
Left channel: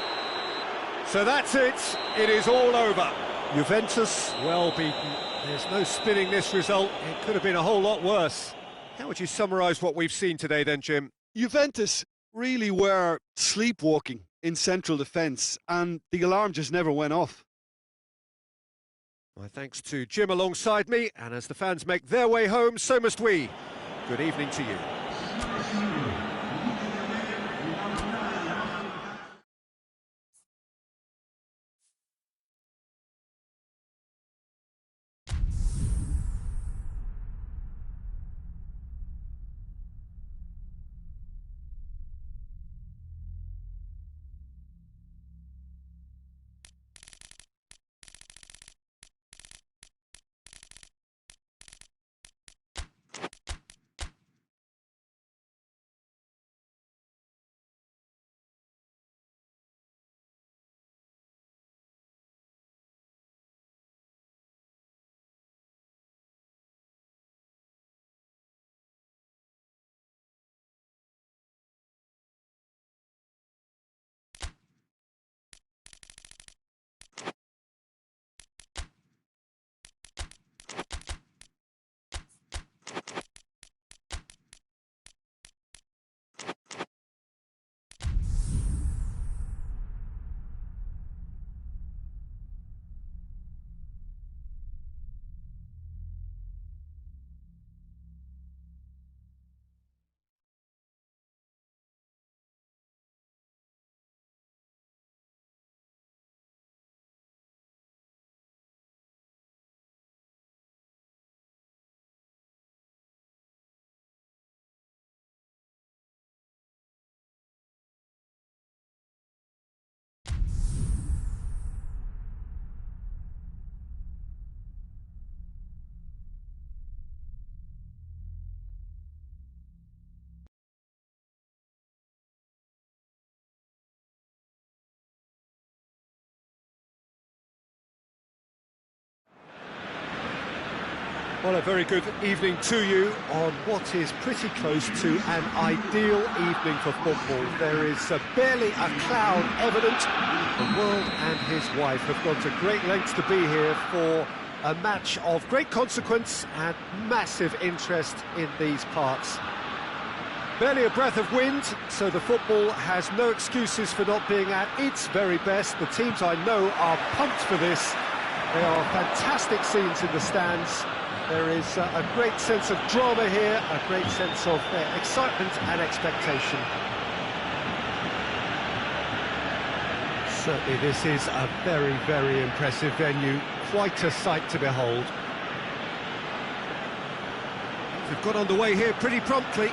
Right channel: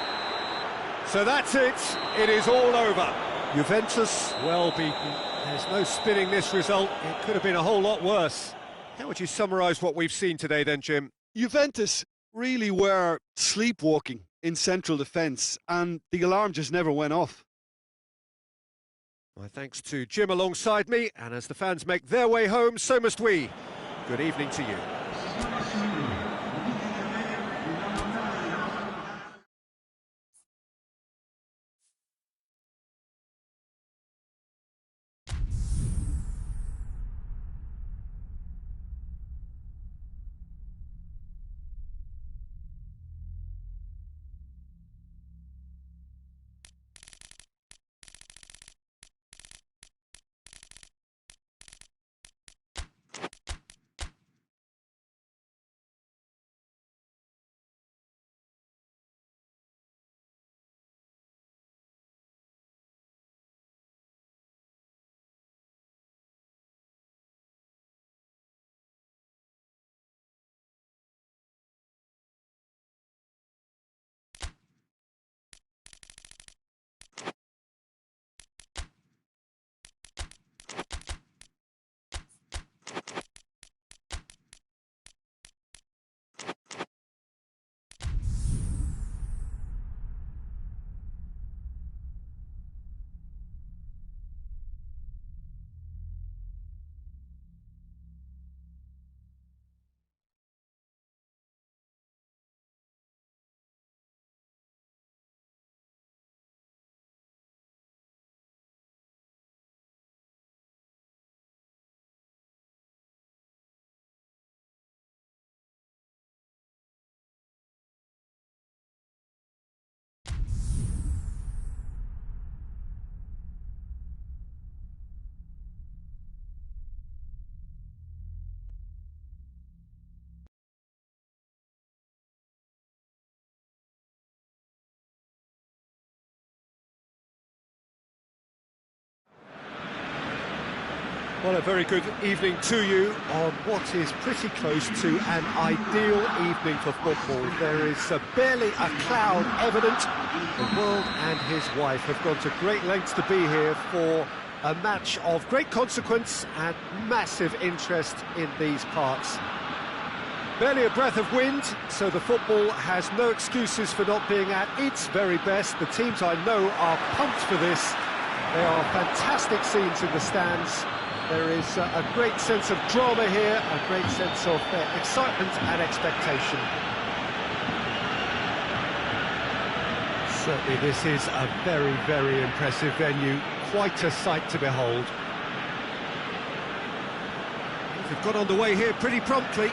So that's it. It is all over. Juventus well beaten. There's no spinning this result. It could have been a whole lot worse. How would you summarise what we've seen today then, Jim? Juventus really were sleepwalking in central defence, and the alarm just never went off. My thanks to Jim alongside me, and as the fans make their way home, so must we. Good evening to you. Well, a very good evening to you on what is pretty close to an ideal evening for football. There is barely a cloud evident. The world and his wife have gone to great lengths to be here for a match of great consequence and massive interest in these parts. Barely a breath of wind, so the football has no excuses for not being at its very best. The teams I know are pumped for this. There are fantastic scenes in the stands. There is a great sense of drama here, a great sense of excitement and expectation. Certainly this is a very, very impressive venue. Quite a sight to behold. They've got underway here pretty promptly.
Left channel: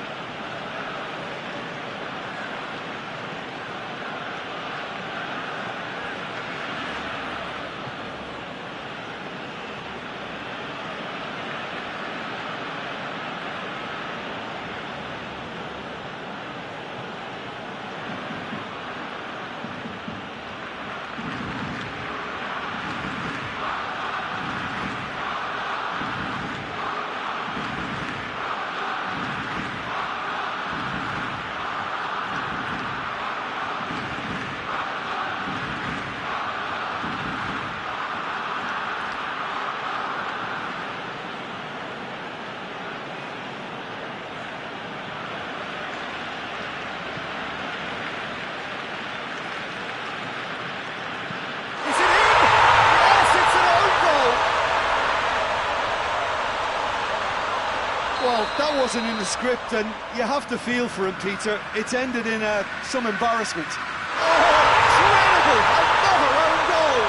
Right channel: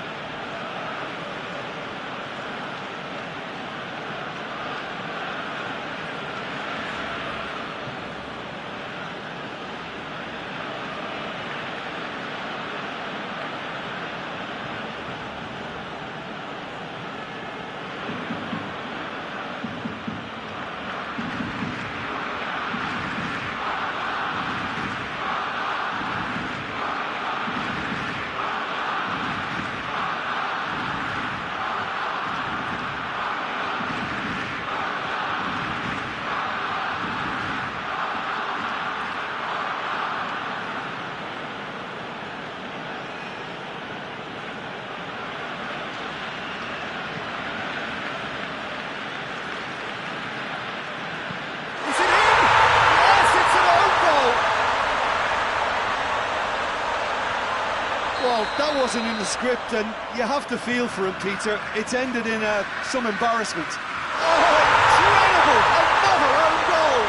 That wasn't in the script, and you have to feel for him, Peter. It's ended in some embarrassment. Oh, incredible! Another own goal!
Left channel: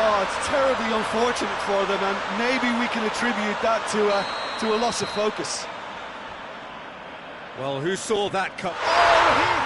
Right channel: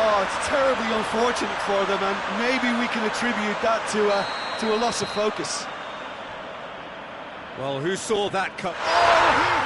Oh, it's terribly unfortunate for them, and maybe we can attribute that to a loss of focus. Well, who saw that cut? Oh, he